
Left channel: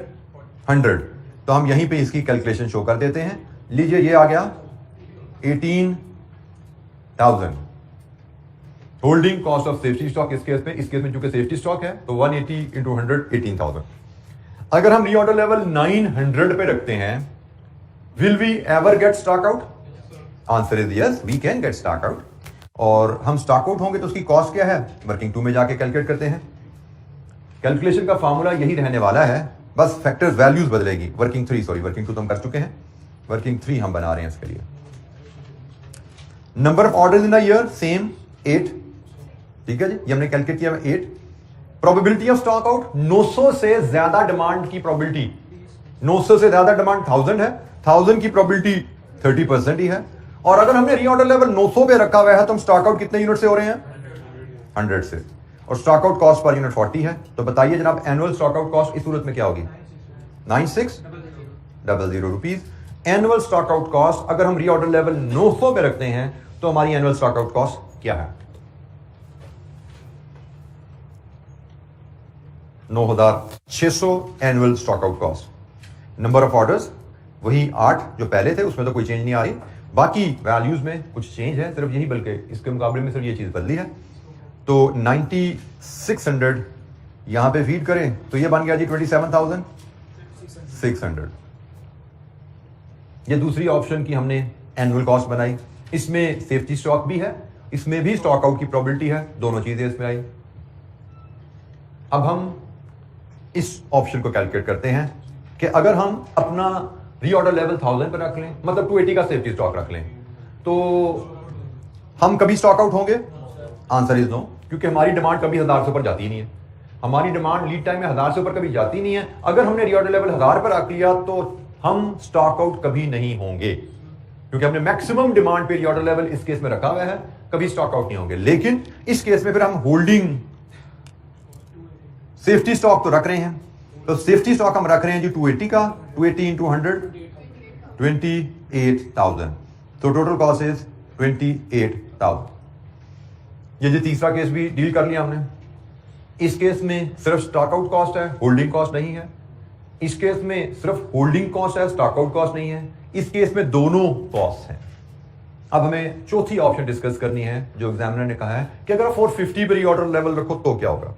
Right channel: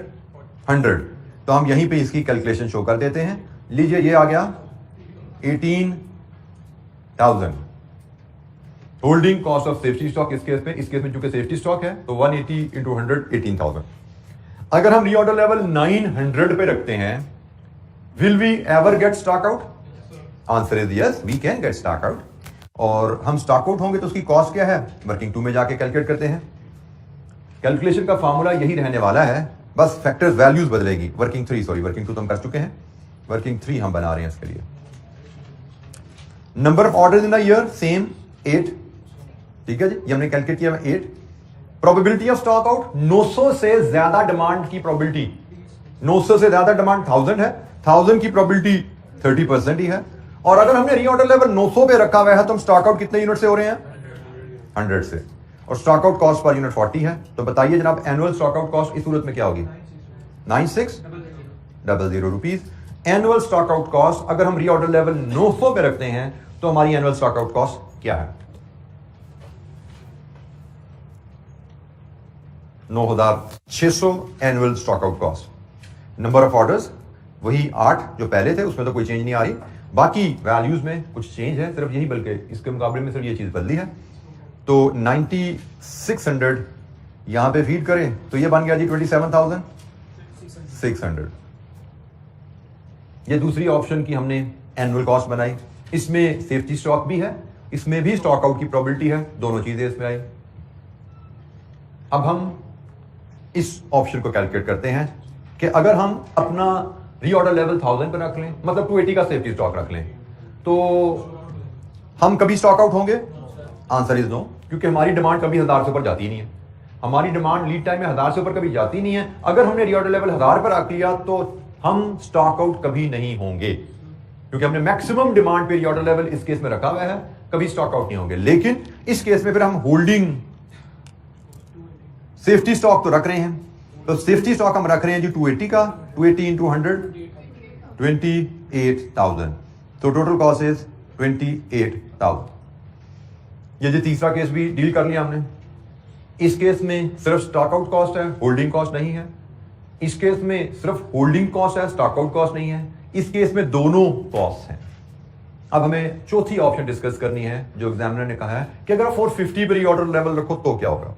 100। तो हम यहीं पे इसकी कैलकुलेशन शो कर देते हैं। लीजिए ये आ गया 18,000 holding cost of safety stock. इस केस में चूंकि सेफ्टी स्टॉक है तो 180 इंटू 100 18,000। अगर हम रीऑर्डर लेवल 900 पे रखते हैं, will we ever get stock out? Answer is yes, we can get stock out. और हम स्टॉक आउट होंगे तो उसकी कॉस्ट क्या है? वर्किंग 2 में जाके कैलकुलेट करते हैं। कैलकुलेशन का फॉर्मूला यही रहने वाला है, बस फैक्टर्स वैल्यूज बदलेगी। वर्किंग 2 तो हम कर चुके हैं, वर्किंग 3 हम बना रहे हैं इसके लिए। Number of orders in a year same 8, ठीक है जी, ये हमने कैलकुलेट किया 8। प्रोबेबिलिटी ऑफ स्टॉक आउट 900 से ज्यादा डिमांड की प्रोबेबिलिटी, 900 से ज्यादा डिमांड 1000 है, 1000 की प्रोबेबिलिटी 30% ही है। और अगर हमने रीऑर्डर लेवल 900 पे रखा हुआ है तो हम स्टॉक आउट कितने यूनिट से हो रहे हैं? 100 से। और stock out cost per unit 40 है। तो बताइए जनाब एनुअल स्टॉक आउट कॉस्ट इस सूरत में क्या होगी? 9600 rupees annual stock out cost. अगर हम रीऑर्डर लेवल 900 पे रखते हैं तो हमारी एनुअल स्टॉक आउट कॉस्ट क्या है? 9600 annual stock out cost. Number of orders वही 8 जो पहले थे, उसमें तो कोई चेंज नहीं आ रही। बाकी वैल्यूज में कुछ चेंज है सिर्फ यही, बल्कि इसके मुकाबले में सिर्फ ये चीज बदली है। तो 9600 यहां पे फीड करें तो ये बन गया जी 27,600। ये दूसरी ऑप्शन की हमने एनुअल कॉस्ट बनाई। इसमें सेफ्टी स्टॉक भी है, इसमें भी स्टॉक आउट की प्रोबेबिलिटी है, दोनों चीजें इसमें आई। अब हम इस ऑप्शन को कैलकुलेट करते हैं कि अगर हम अपना रीऑर्डर लेवल 1000 पर रख लें, मतलब 280 का सेफ्टी स्टॉक रख लें, तो हम कभी स्टॉक आउट होंगे? आंसर इज नो, क्योंकि हमारी डिमांड कभी 1000 से ऊपर जाती नहीं है। हमारी डिमांड लीड टाइम में 1000 से ऊपर कभी जाती नहीं है। अगर हमने रीऑर्डर लेवल 1000 पर रख लिया तो हम स्टॉक आउट कभी नहीं होंगे, क्योंकि हमने मैक्सिमम डिमांड पे रीऑर्डर लेवल इस केस में रखा हुआ है, कभी स्टॉक आउट नहीं होंगे। लेकिन इस केस में फिर हम होल्डिंग सेफ्टी स्टॉक तो रख रहे हैं। तो सेफ्टी स्टॉक हम रख रहे हैं जी 280 का, 280 इंटू 100 28,000। तो टोटल कॉस्ट इज 28,000। ये जो तीसरा केस भी डील कर लिया हमने। इस केस में सिर्फ स्टॉक आउट कॉस्ट है, होल्डिंग कॉस्ट नहीं है। इस केस में सिर्फ होल्डिंग कॉस्ट है, स्टॉक आउट कॉस्ट नहीं है। इस केस में दोनों कॉस्ट हैं। अब हमें चौथी ऑप्शन डिस्कस करनी है जो एग्जामिनर ने कहा है कि अगर 450 पे रीऑर्डर लेवल रखो तो क्या होगा।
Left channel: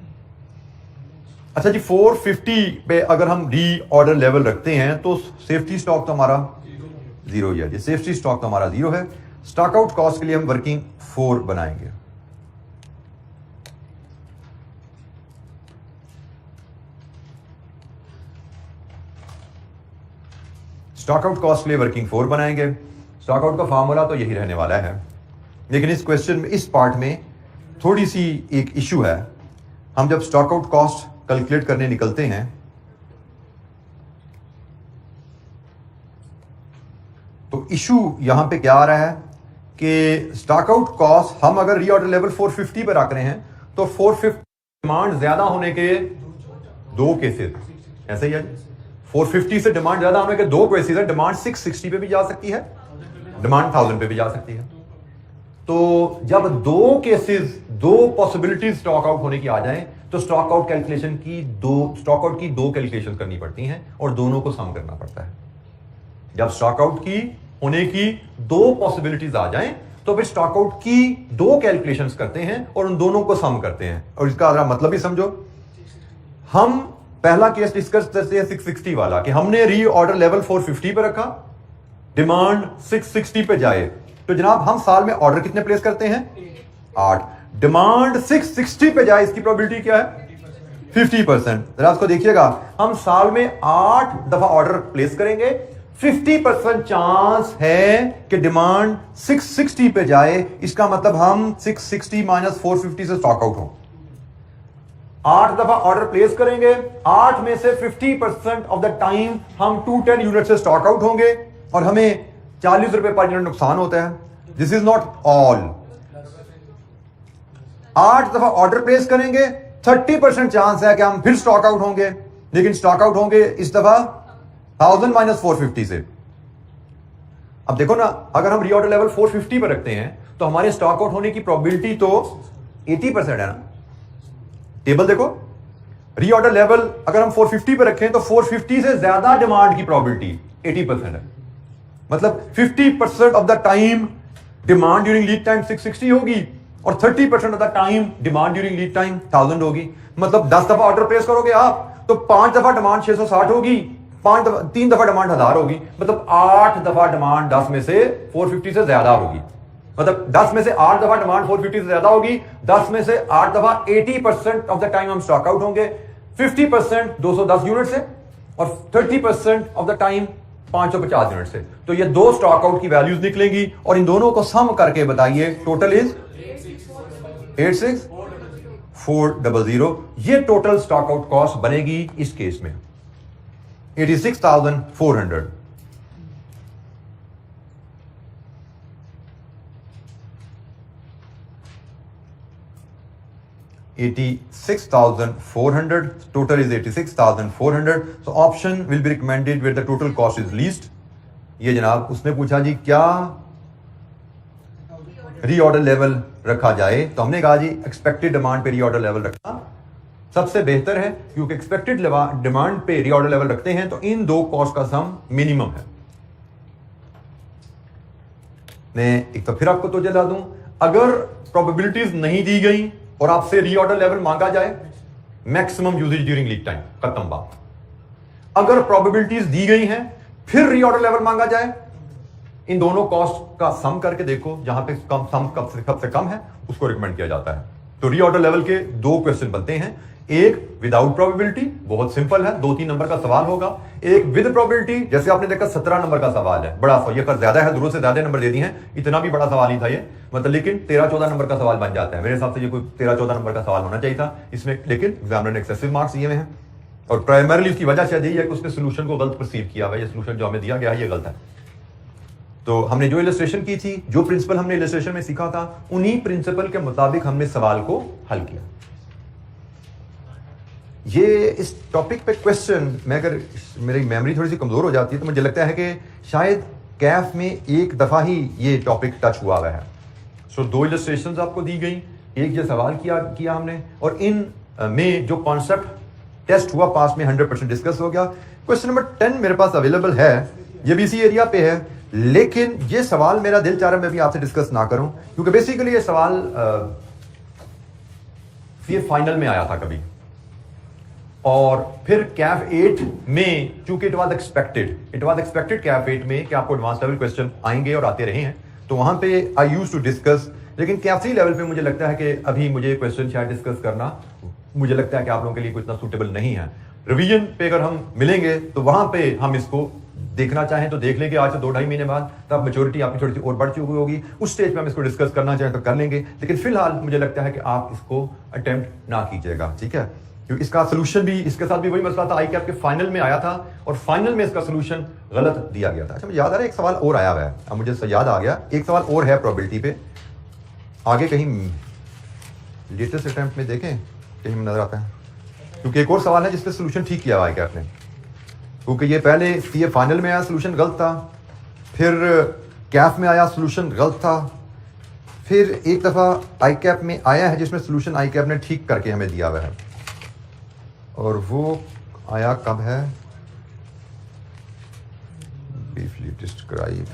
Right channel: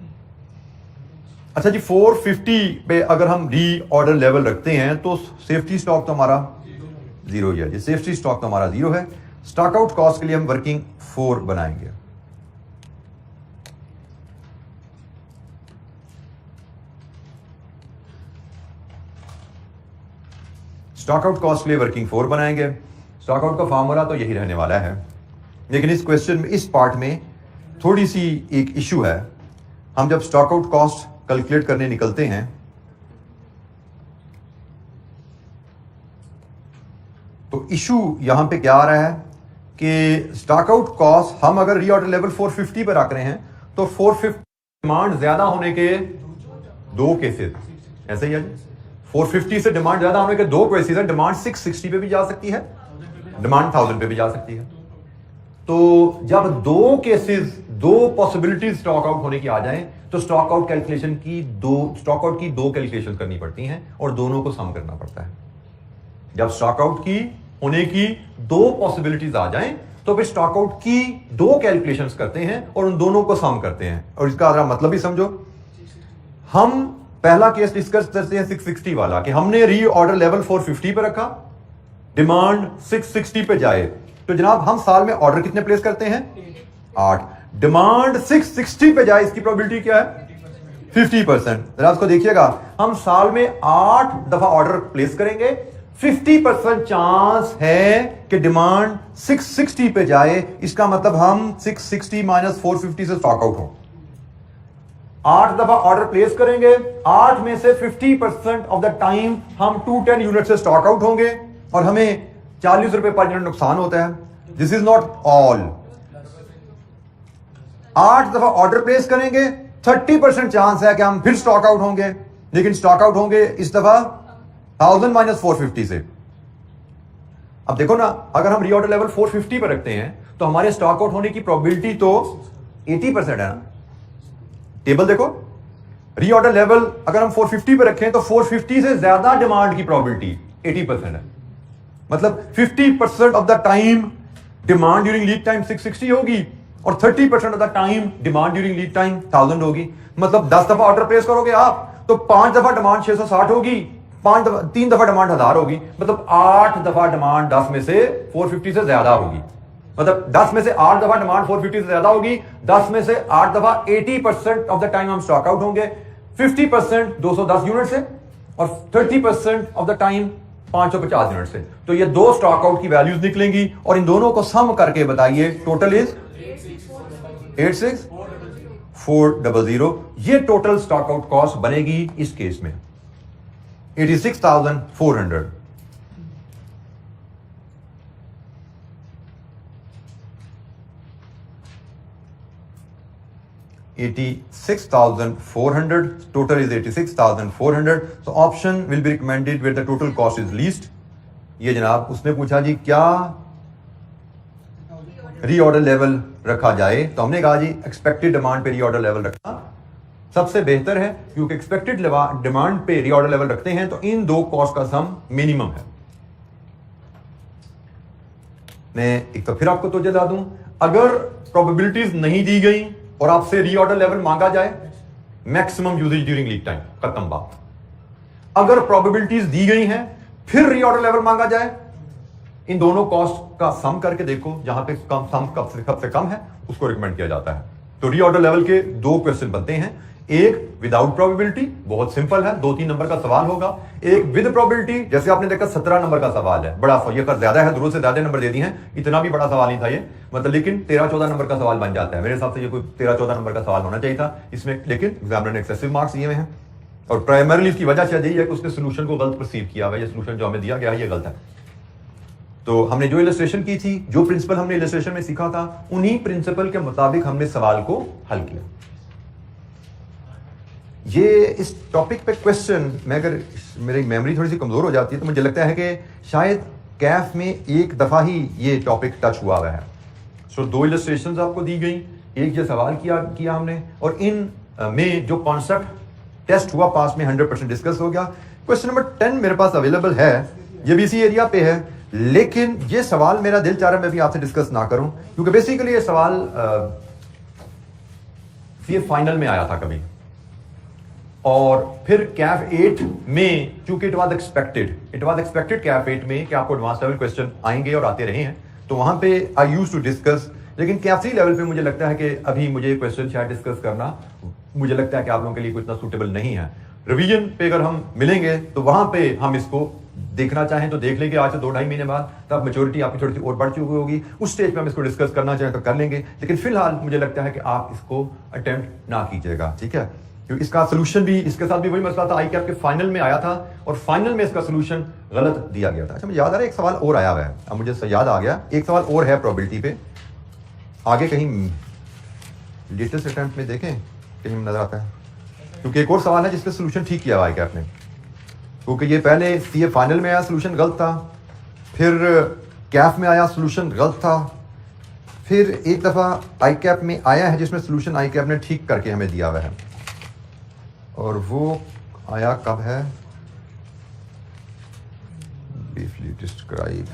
अच्छा जी, 450 पे अगर हम री ऑर्डर लेवल रखते हैं तो सेफ्टी स्टॉक तो हमारा 0 ही है। सेफ्टी स्टॉक तो हमारा 0 है। स्टॉक आउट कॉस्ट के लिए हम वर्किंग 4 बनाएंगे। स्टॉक आउट कॉस्ट के लिए वर्किंग 4 बनाएंगे। स्टॉक आउट का फॉर्मूला तो यही रहने वाला है, लेकिन इस क्वेश्चन में, इस पार्ट में थोड़ी सी एक इशू है। हम जब स्टॉक आउट कॉस्ट कैलकुलेट करने निकलते हैं तो इशू यहां पे क्या आ रहा है कि स्टॉक आउट कॉस्ट हम अगर रीऑर्डर लेवल 450 पे रख रहे हैं तो 450 डिमांड ज्यादा होने के 2 केसेस, ऐसे ही है। 450 से डिमांड ज्यादा होने के 2 केसेस है। डिमांड 660 पे भी जा सकती है, डिमांड 1000 पे भी जा सकती है। तो जब 2 केसेस, 2 पॉसिबिलिटीज स्टॉक आउट होने की आ जाएं तो स्टॉक आउट कैलकुलेशन की स्टॉक आउट की 2 कैलकुलेशन करनी पड़ती हैं और दोनों को सम करना पड़ता है। जब स्टॉक आउट की होने की 2 पॉसिबिलिटीज आ जाएं तो फिर स्टॉक आउट की 2 कैलकुलेशंस करते हैं और उन दोनों को सम करते हैं। और इसका मतलब भी समझो, हम पहला केस डिस्कस करते हैं 660 वाला कि हमने री ऑर्डर लेवल 450 पे रखा, डिमांड 660 पे जाए तो जनाब हम साल में ऑर्डर कितने प्लेस करते हैं? 8। डिमांड 660 पे जाए, इसकी प्रोबेबिलिटी क्या है? 50%। जरा इसको देखिएगा, हम साल में 8 दफा ऑर्डर प्लेस करेंगे, 50% चांस है कि डिमांड 660 पे जाए। इसका मतलब हम 660 माइनस 450 से स्टॉक आउट हो। 8 दफा ऑर्डर प्लेस करेंगे, 8 में से 50% ऑफ द टाइम हम 210 यूनिट से स्टॉक आउट होंगे और हमें 40 रुपए पर यूनिट नुकसान होता है। This is not all. 8 दफा ऑर्डर प्लेस करेंगे, 30% चांस है कि हम फिर स्टॉक आउट होंगे, लेकिन स्टॉक आउट होंगे इस दफा 1000 माइनस 450 से। अब देखो ना, अगर हम रीऑर्डर लेवल 450 पर रखते हैं तो हमारे स्टॉक आउट होने की प्रोबेबिलिटी तो 80% है ना। टेबल देखो, रीऑर्डर लेवल अगर हम 450 पे रखें तो 450 से ज्यादा डिमांड की प्रोबेबिलिटी 80% है। मतलब 50% of the time demand during lead time 660 होगी और 30% of the time demand during lead time 1000 होगी। मतलब 10 दफा ऑर्डर प्लेस करोगे आप तो 5 दफा डिमांड 660 होगी, 3 दफा डिमांड 1000 होगी। मतलब 8 दफा डिमांड 10 में से 450 से ज्यादा होगी। मतलब 10 में से 8 दफा डिमांड 450 से ज्यादा होगी, 10 में से 8 दफा 80% ऑफ द टाइम हम स्टॉक आउट होंगे, 50% 210 यूनिट से और 30% ऑफ द टाइम 550 यूनिट से। तो ये दो स्टॉक आउट की वैल्यूज निकलेंगी और इन दोनों को सम करके बताइए टोटल इज 86400। ये टोटल स्टॉक आउट कॉस्ट बनेगी इस केस में 86,400। total is 86,400. So option will be recommended where the total cost is least. ये जनाब उसने पूछा जी क्या रीऑर्डर लेवल रखा जाए, तो हमने कहा जी एक्सपेक्टेड डिमांड पे रीऑर्डर लेवल रखना सबसे बेहतर है, क्योंकि एक्सपेक्टेड डिमांड पे रीऑर्डर लेवल रखते हैं तो इन दो कॉस्ट का सम मिनिमम है। मैं एक तो फिर आपको तो जला दूं, अगर प्रोबेबिलिटीज नहीं दी गई और आपसे रीऑर्डर लेवल मांगा जाए, maximum usage during lead time, खत्म बात। अगर प्रोबेबिलिटीज दी गई हैं फिर रीऑर्डर लेवल मांगा जाए, इन दोनों कॉस्ट का सम करके देखो, जहां पे कम सम कब से कम है उसको रिकमेंड किया जाता है। तो रीऑर्डर लेवल के दो क्वेश्चन बनते हैं, एक विदाउट प्रोबेबिलिटी, बहुत सिंपल है, 2-3 नंबर का सवाल होगा। एक विद प्रोबेबिलिटी, जैसे आपने देखा 17 नंबर का सवाल है, बड़ा ये कर ज्यादा है, जरूरत से ज्यादा नंबर दे दिए हैं, इतना भी बड़ा सवाल नहीं था ये, मतलब लेकिन 13-14 नंबर का सवाल बन जाता है। मेरे हिसाब से ये कोई 13-14 नंबर का सवाल होना चाहिए था इसमें, लेकिन एग्जामिनर ने एक्सेसिव मार्क्स दिए हुए हैं और प्राइमरली इसकी वजह से यही है कि उसने सोल्यूशन को गलत परसीव किया हुआ है। ये सोल्यूशन जो हमें दिया गया है ये गलत है। तो हमने जो इलस्ट्रेशन की थी, जो प्रिंसिपल हमने इलस्ट्रेशन में सीखा था, उन्हीं प्रिंसिपल के मुताबिक हमने सवाल को हल किया। ये इस टॉपिक पे क्वेश्चन, मैं अगर मेरी मेमोरी थोड़ी सी कमजोर हो जाती है तो मुझे लगता है कि शायद कैफ में एक दफा ही ये टॉपिक टच हुआ हुआ है। सो 2 इलस्ट्रेशंस आपको दी गई, एक ये सवाल किया हमने, और इन में जो कॉन्सेप्ट टेस्ट हुआ पास में 100% डिस्कस हो गया। क्वेश्चन नंबर 10 मेरे पास अवेलेबल है, ये भी इसी एरिया पे है, लेकिन ये सवाल मेरा दिल चाह रहा है मैं भी आपसे डिस्कस ना करूं, क्योंकि बेसिकली ये सवाल ये फाइनल में आया था कभी, और फिर कैफ 8 में चूंकि इट वाज एक्सपेक्टेड कैफ 8 में कि आपको एडवांस लेवल क्वेश्चन आएंगे और आते रहे हैं, तो वहां पे आई यूज्ड टू डिस्कस। लेकिन कैफ 3 लेवल पे मुझे लगता है कि अभी मुझे क्वेश्चन शायद डिस्कस करना, मुझे लगता है कि आप लोगों के लिए कोई इतना सूटेबल नहीं है। रिवीजन पे अगर हम मिलेंगे तो वहां पे हम इसको देखना चाहें तो देख लेंगे, आज से 2-2.5 महीने बाद, तब मैच्योरिटी आपकी थोड़ी सी और बढ़ चुकी होगी, उस स्टेज पे हम इसको डिस्कस करना चाहें तो कर लेंगे। लेकिन फिलहाल मुझे लगता है कि आप इसको अटेम्प्ट ना कीजिएगा, ठीक है, क्योंकि इसका सोल्यूशन भी इसके साथ भी वही मसला था, आई कैप के फाइनल में आया था और फाइनल में इसका सोल्यूशन गलत दिया गया था। अच्छा मुझे याद आ रहा है एक सवाल और आया हुआ है, अब मुझे याद आ गया, एक सवाल और है प्रोबेबिलिटी पे, आगे कहीं लेटेस्ट अटेम्प्ट में देखें कहीं नजर आता है, क्योंकि एक और सवाल है जिसपे सोल्यूशन ठीक किया हुआ है कैप ने, क्योंकि ये पहले सीए फाइनल में आया सोल्यूशन गलत था, फिर कैफ में आया सोल्यूशन गलत था, फिर एक दफा आई कैप में आया है जिसमें सोल्यूशन आई कैप ने ठीक करके हमें दिया हुआ है, और वो आया कब है, ब्रीफली डिस्क्राइब,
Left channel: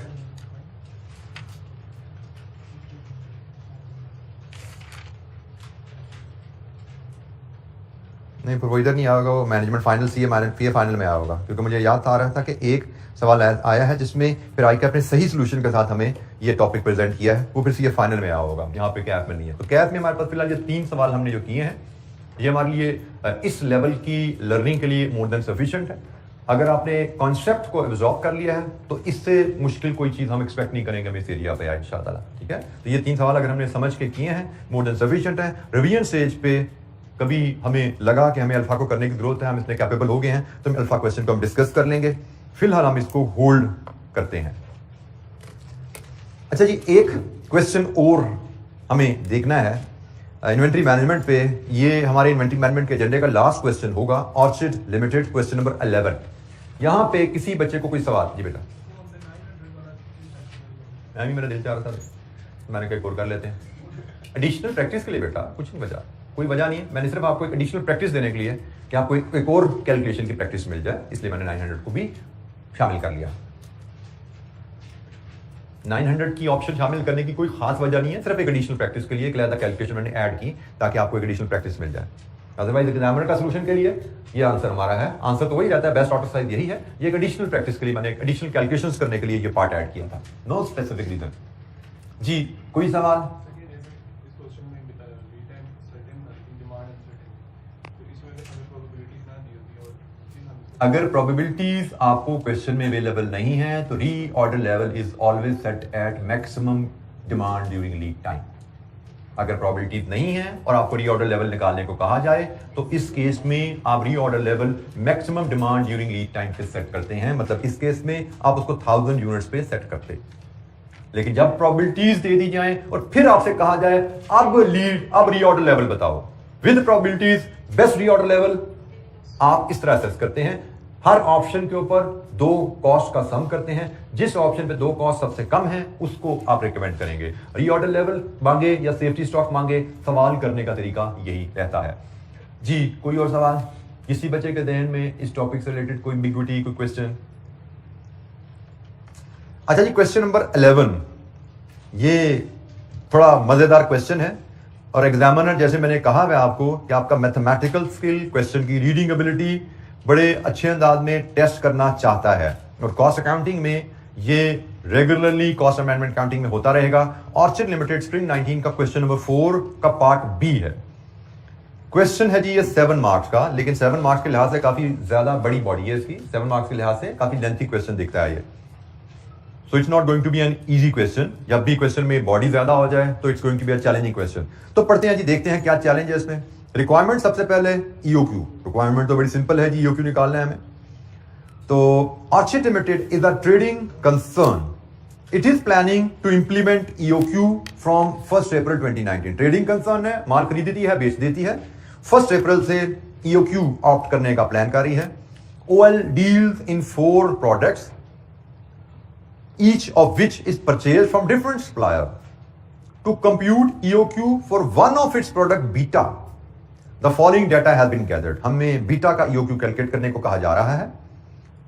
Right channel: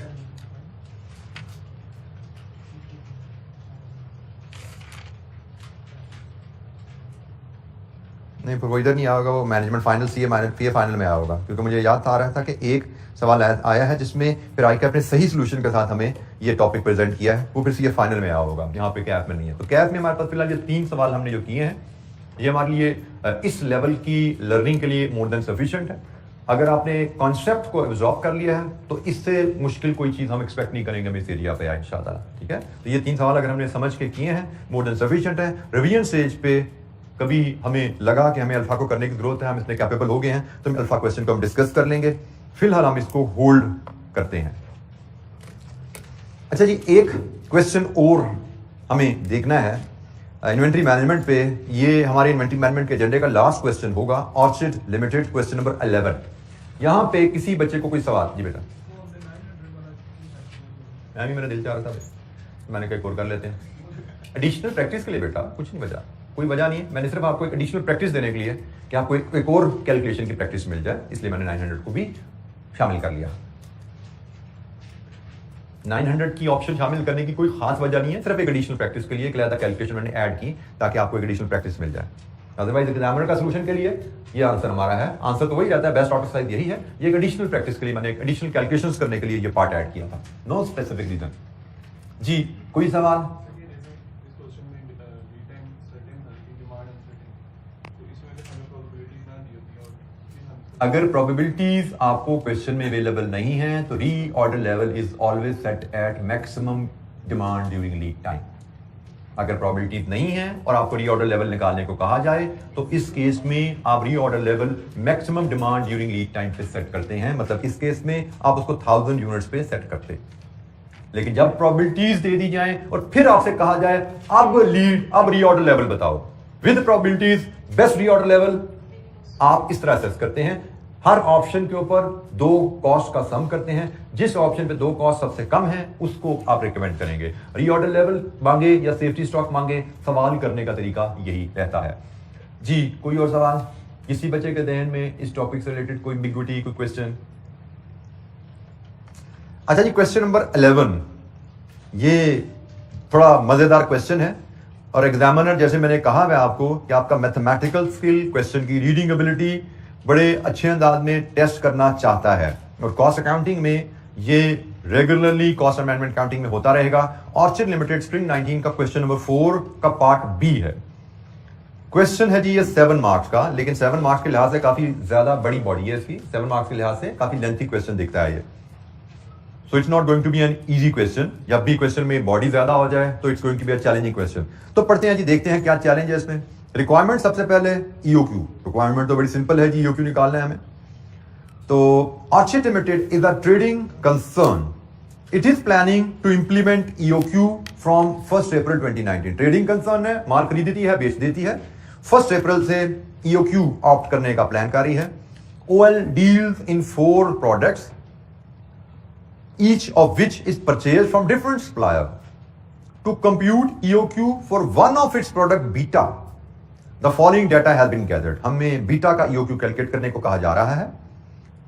नहीं वो इधर नहीं आया होगा, वो मैनेजमेंट फाइनल सीए पीए फाइनल में आया होगा, क्योंकि मुझे याद आ रहा था कि एक सवाल आया है जिसमें फिर आई कैप ने सही सोल्यूशन के साथ हमें ये टॉपिक प्रेजेंट किया है, वो फिर सीए फाइनल में आया होगा, यहाँ पे कैप में नहीं है। तो कैप में हमारे पास फिलहाल ये 3 सवाल हमने जो किए हैं, ये हमारे लिए इस लेवल की लर्निंग के लिए मोर देन सफिशिएंट है। अगर आपने कॉन्सेप्ट को एब्जॉर्ब कर लिया है तो इससे मुश्किल कोई चीज़ हम एक्सपेक्ट नहीं करेंगे हम इस एरिया पे आए इंशाअल्लाह, ठीक है। तो ये 3 सवाल अगर हमने समझ के किए हैं मोर देन सफिशिएंट है। रिवीजन स्टेज पे कभी हमें लगा कि हमें अल्फा को करने की जरूरत है, हम इसमें कैपेबल हो गए हैं, तो हम अल्फा क्वेश्चन को हम डिस्कस कर लेंगे, फिलहाल हम इसको होल्ड करते हैं। अच्छा जी, एक क्वेश्चन और हमें देखना है इन्वेंट्री मैनेजमेंट पे, ये हमारे इन्वेंट्री मैनेजमेंट के एजेंडे का लास्ट क्वेश्चन होगा, ऑर्चिड लिमिटेड, क्वेश्चन नंबर 11। यहां पे किसी बच्चे को कोई सवाल, जी बेटा मैं भी, मेरा दिल चाह रहा था, मैंने कहा एक और कर लेते हैं एडिशनल प्रैक्टिस के लिए। बेटा कुछ नहीं वजह, कोई वजह नहीं है, मैंने सिर्फ आपको एक एडिशनल प्रैक्टिस देने के लिए कि आपको एक और कैलकुलेशन की प्रैक्टिस मिल जाए, इसलिए मैंने 900 को भी शामिल कर लिया। 900 की ऑप्शन शामिल करने की कोई खास वजह नहीं है, सिर्फ एक एडिशनल प्रैक्टिस के लिए एक अलग कैलकुलेशन मैंने ऐड की ताकि आपको एक एडिशनल प्रैक्टिस मिल जाए। अदरवाइज एग्जामिनर का सोल्यूशन के लिए ये आंसर हमारा है, आंसर तो वही रहता है, बेस्ट आउट साइज यही है। ये एक एडिशनल प्रैक्टिस के लिए मैंने एक एडिशनल कैलकुलेशंस करने के लिए ये पार्ट ऐड किया था, नो स्पेसिफिक रीजन। जी कोई सवाल? अगर प्रोबेबिलिटीज आपको क्वेश्चन में अवेलेबल नहीं है तो reorder level is always set at maximum demand during lead time. अगर प्रोबेबिलिटीज नहीं है और आपको रीऑर्डर लेवल निकालने को कहा जाए तो इस केस में आप reorder level maximum demand during lead time पे सेट करते हैं, मतलब इस केस में आप उसको 1000 यूनिट्स पे सेट करते। लेकिन जब प्रोबेबिलिटीज दे दी जाए और फिर आपसे कहा जाए अब रीऑर्डर लेवल बताओ with probabilities best reorder level, आप इस तरह असेस करते हैं। हर ऑप्शन के ऊपर दो कॉस्ट का सम करते हैं, जिस ऑप्शन पे दो कॉस्ट सबसे कम है उसको आप रिकमेंड करेंगे। रीऑर्डर लेवल मांगे या सेफ्टी स्टॉक मांगे, सवाल करने का तरीका यही रहता है। जी कोई और सवाल किसी बच्चे के ध्यान में इस टॉपिक से रिलेटेड, कोई एम्बिग्युइटी, कोई क्वेश्चन? अच्छा जी, क्वेश्चन नंबर 11 ये थोड़ा मजेदार क्वेश्चन है और एग्जामिनर, जैसे मैंने कहा है आपको कि आपका मैथमेटिकल स्किल, क्वेश्चन की रीडिंग एबिलिटी बड़े अच्छे अंदाज में टेस्ट करना चाहता है। और कॉस्ट अकाउंटिंग में ये रेगुलरली कॉस्ट अमेंडमेंट अकाउंटिंग में होता रहेगा। ऑर्चिड लिमिटेड स्प्रिंग 19 का क्वेश्चन नंबर 4 का पार्ट बी है। क्वेश्चन है जी ये 7 मार्क्स का, लेकिन 7 मार्क्स के लिहाज से काफी ज्यादा बड़ी बॉडी है इसकी, 7 मार्क्स के लिहाज से काफी लेंथी क्वेश्चन दिखता है ये। So it's not going to be an easy question. जब भी क्वेश्चन में बॉडी ज्यादा हो जाए तो it's going to be a challenging question. तो पढ़ते हैं जी, देखते हैं क्या चैलेंज है इसमें। रिक्वायरमेंट सबसे पहले ईओक्यू, रिक्वायरमेंट तो बड़ी सिंपल है जी, ईओक्यू निकालना है हमें। तो Orchid Limited is a trading concern, it is planning to implement EOQ from 1 April 2019। Trading concern है, माल खरीदती है, बेच देती है। 1 अप्रैल से ईओक्यू ऑप्ट करने का प्लान कर रही है। OL deals in 4 products, each of which is purchased from different supplier. To compute EOQ for one of its product beta, the following data has been gathered. हमें बीटा का EOQ calculate करने को कहा जा रहा है।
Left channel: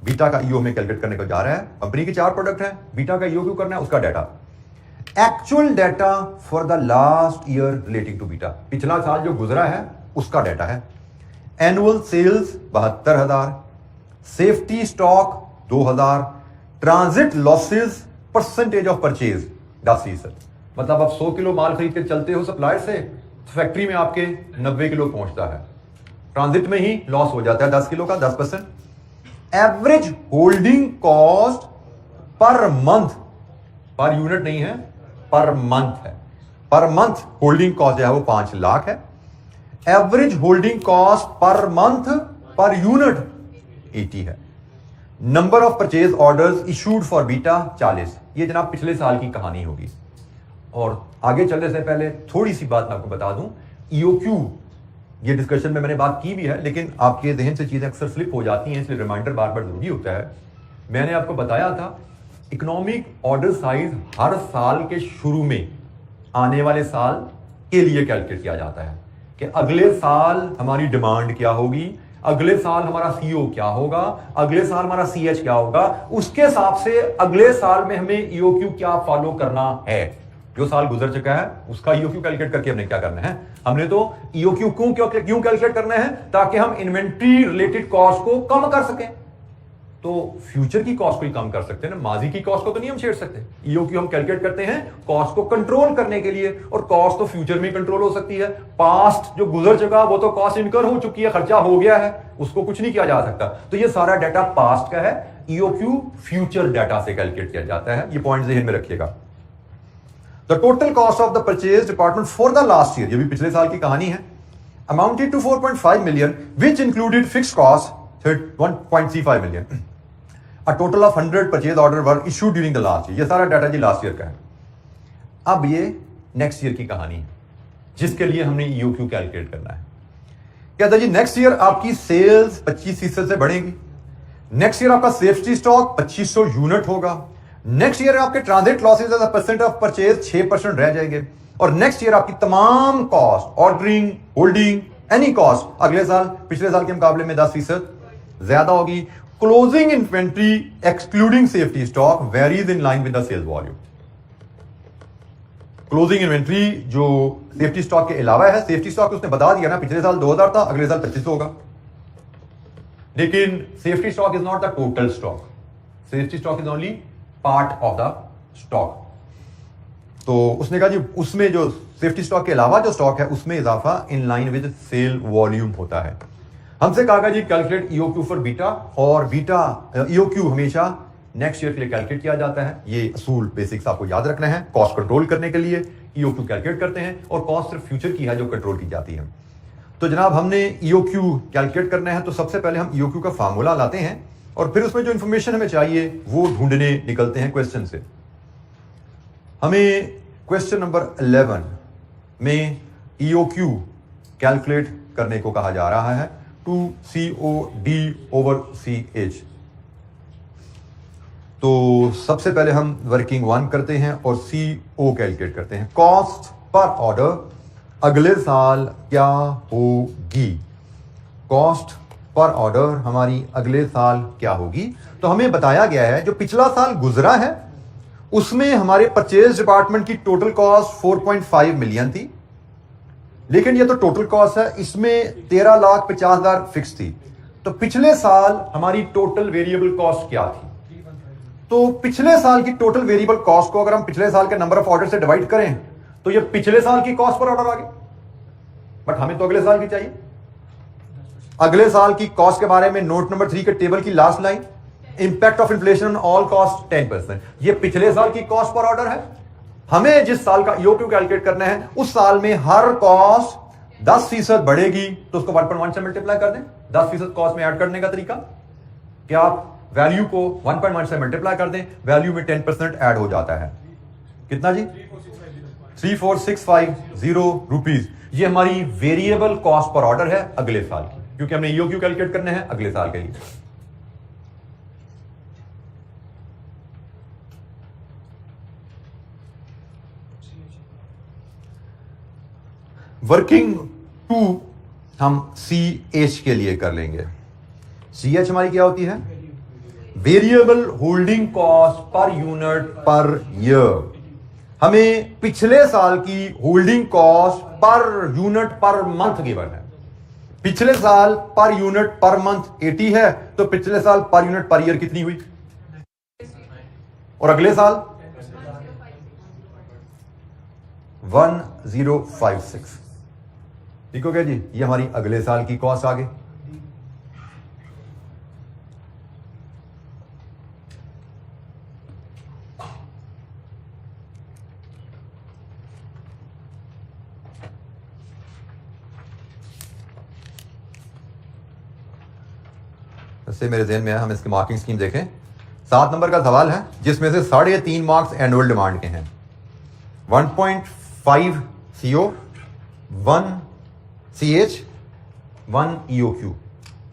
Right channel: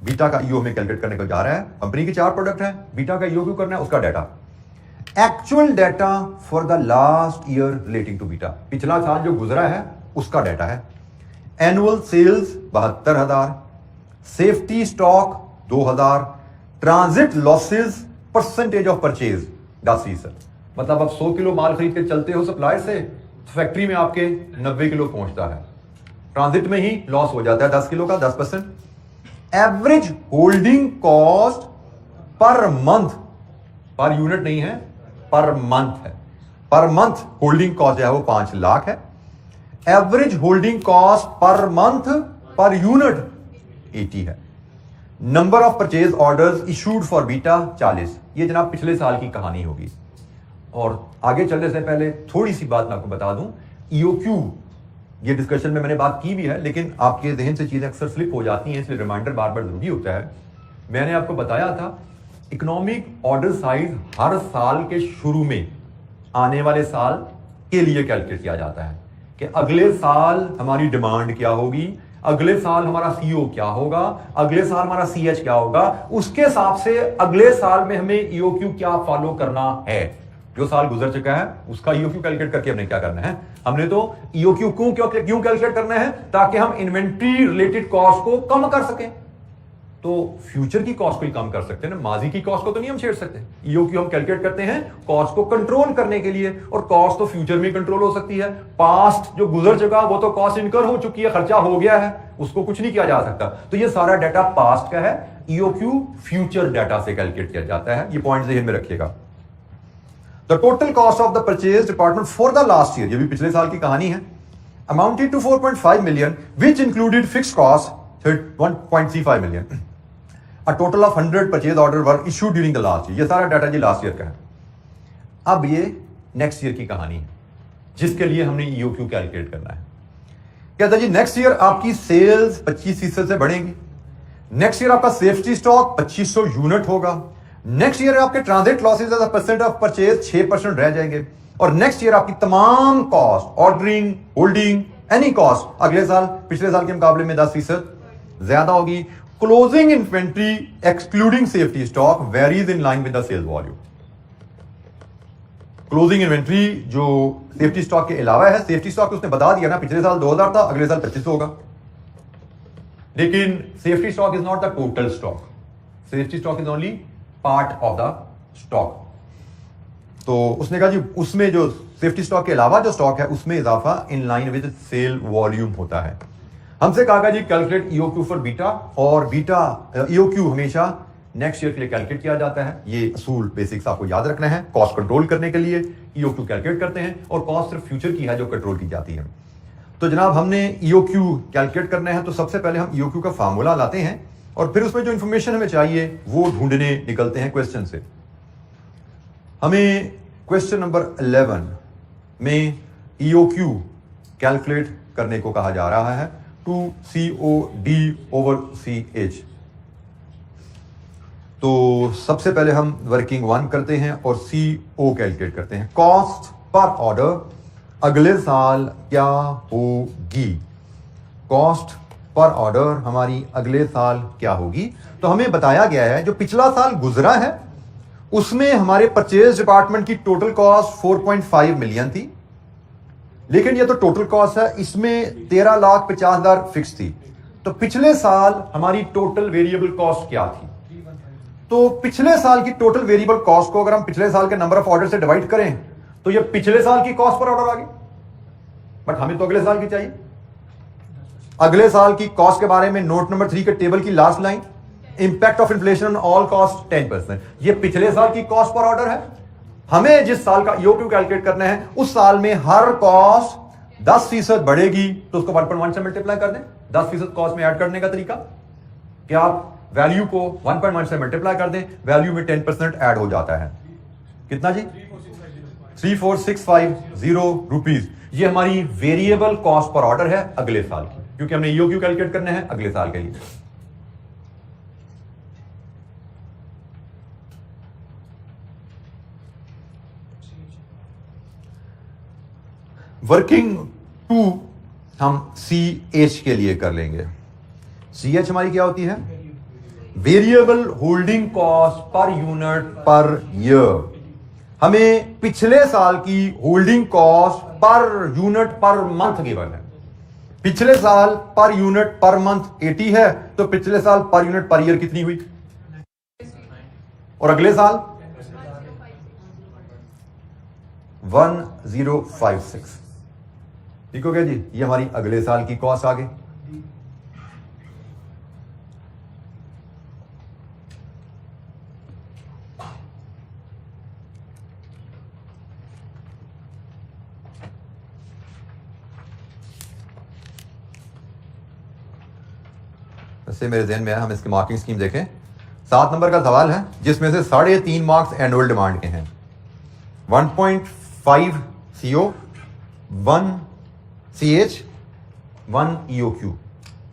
बीटा का EO में कैलकुलेट करने को जा रहा है। कंपनी की 4 प्रोडक्ट है, बीटा का EOQ करना है, उसका data. Actual data for the last year relating to Beta, पिछला साल जो गुजरा है उसका डाटा है। Annual sales 72,000, safety stock 2,000, transit losses percentage of purchase 10%। मतलब आप 100 किलो माल खरीद के चलते हो सप्लायर से, तो फैक्ट्री में आपके 90 किलो पहुंचता है, ट्रांजिट में ही लॉस हो जाता है 10 किलो का, 10%। Average holding cost per month, per unit नहीं है, पर मंथ है। पर मंथ होल्डिंग कॉस्ट जो है वो 5 लाख है। Average holding cost per month per unit 80 है। Number of purchase orders issued for beta 40। ये जनाब पिछले साल की कहानी होगी। और आगे चलने से पहले थोड़ी सी बात मैं आपको बता दूं, ईओक्यू ये डिस्कशन में मैंने बात की भी है, लेकिन आपके जहन से चीजें अक्सर स्लिप हो जाती हैं, इसलिए रिमाइंडर बार बार जरूरी होता है। मैंने आपको बताया था इकोनॉमिक ऑर्डर साइज हर साल के शुरू में आने वाले साल के लिए कैलकुलेट किया जाता है कि अगले साल हमारी डिमांड क्या होगी, अगले साल हमारा सीओ क्या होगा, अगले साल हमारा सीएच क्या होगा, उसके हिसाब से अगले साल में हमें ईओक्यू क्या फॉलो करना है। जो साल गुजर चुका है उसका ईओक्यू कैलकुलेट करके हमने क्या करना है, हमने तो ईओक्यू क्यों कैलकुलेट करना है, ताकि हम इन्वेंट्री रिलेटेड कॉस्ट को कम कर सकें। तो फ्यूचर की कॉस्ट को ही कम कर सकते हैं ना, माजी की कॉस्ट को तो नहीं हम छेड़ सकते। ईओक्यू हम कैलकुलेट करते हैं कॉस्ट को कंट्रोल करने के लिए, और कॉस्ट तो फ्यूचर में कंट्रोल हो सकती है। पास्ट जो गुजर चुका वो तो कॉस्ट इनकर हो चुकी है, खर्चा हो गया है, उसको कुछ नहीं किया जा सकता। तो ये सारा डाटा पास्ट का है, ईओक्यू फ्यूचर डाटा से कैलकुलेट किया जाता है। ये पॉइंट ध्यान में रखिएगा। The total cost of the purchase department for the last year, ये भी पिछले साल की कहानी है, amounted to 4.5 million, which included fixed cost 1.35 million. A total of 100 purchase order were issued during the last year. ये सारा डाटा जी last year का है। अब ये नेक्स्ट ईयर की कहानी है, जिसके लिए हमने ईओक्यू कैलकुलेट करना है। कहता जी नेक्स्ट ईयर आपकी सेल्स 25% से बढ़ेगी। नेक्स्ट ईयर आपका सेफ्टी स्टॉक 2500 यूनिट होगा। नेक्स्ट ईयर आपके transit losses as a percent of purchase 6% रह जाएंगे, और नेक्स्ट ईयर आपकी तमाम cost, ordering, holding, any cost अगले साल पिछले साल के मुकाबले में 10% ज्यादा होगी। Closing inventory excluding safety stock varies in line with the sales volume. Closing inventory जो सेफ्टी स्टॉक के अलावा है, सेफ्टी स्टॉक उसने बता दिया ना, पिछले साल 2000 था, अगले साल 2500 होगा। लेकिन safety stock is not the total stock, safety stock is only part of the stock. तो उसने कहा जी उसमें जो सेफ्टी स्टॉक के अलावा जो स्टॉक है उसमें इजाफा in line with sale volume होता है। हमसे कहा जी कैलकुलेट ईओक्यू फॉर बीटा, और बीटा ईओक्यू हमेशा नेक्स्ट ईयर के लिए कैलकुलेट किया जाता है। ये असूल बेसिक्स आपको याद रखना है। कॉस्ट कंट्रोल करने के लिए ईओक्यू कैलकुलेट करते हैं, और कॉस्ट सिर्फ फ्यूचर की है जो कंट्रोल की जाती है। तो जनाब हमने ईओक्यू कैलकुलेट करना है, तो सबसे पहले हम ईओक्यू का फार्मूला लाते हैं, और फिर उसमें जो इंफॉर्मेशन हमें चाहिए वो ढूंढने निकलते हैं क्वेश्चन से। हमें क्वेश्चन नंबर 11 में ईओक्यू कैलकुलेट करने को कहा जा रहा है, 2COD/CH। तो सबसे पहले हम वर्किंग 1 करते हैं और CO कैलकुलेट करते हैं। कॉस्ट पर ऑर्डर अगले साल क्या होगी? कॉस्ट पर ऑर्डर हमारी अगले साल क्या होगी? तो हमें बताया गया है जो पिछला साल गुजरा है उसमें हमारे परचेज डिपार्टमेंट की टोटल कॉस्ट 4.5 मिलियन थी, लेकिन ये तो टोटल कॉस्ट है, इसमें 13,50,000 फिक्स थी। तो पिछले साल हमारी टोटल वेरिएबल कॉस्ट क्या थी? तो पिछले साल की टोटल वेरिएबल कॉस्ट को अगर हम पिछले साल के नंबर ऑफ ऑर्डर से डिवाइड करें तो ये पिछले साल की कॉस्ट पर ऑर्डर आ गई, बट हमें तो अगले साल की चाहिए। अगले साल की कॉस्ट के बारे में नोट नंबर 3 के टेबल की last line, impact of inflation all cost 10%। ये पिछले साल की कॉस्ट पर ऑर्डर है। हमें जिस साल का ईओक्यू कैलकुलेट करना है उस साल में हर कॉस्ट 10% बढ़ेगी, तो उसको 1.1 से मल्टीप्लाई कर दें। 10% कॉस्ट में ऐड करने का तरीका कि आप वैल्यू को 1.1 से मल्टीप्लाई कर दें, वैल्यू में 10% ऐड हो जाता है। कितना जी? 34650 रुपीज। ये हमारी वेरिएबल कॉस्ट पर ऑर्डर है अगले साल की, क्योंकि हमने ईओक्यू कैलकुलेट करने हैं अगले साल के लिए। वर्किंग 2 हम CH के लिए कर लेंगे। CH हमारी क्या होती है? Variable holding cost per unit per year. हमें पिछले साल की holding cost per unit per month given है। पिछले साल पर यूनिट पर मंथ 80 है, तो पिछले साल पर यूनिट पर ईयर कितनी हुई? और अगले साल 1056। ठीक हो गया जी? ये हमारी अगले साल की कॉस्ट आ गई। इससे मेरे ध्यान में है, हम इसकी मार्किंग स्कीम देखें। 7 नंबर का सवाल है जिसमें से 3.5 मार्क्स एनुअल डिमांड के हैं। 1.5 CO, 1 CH, 1 EOQ।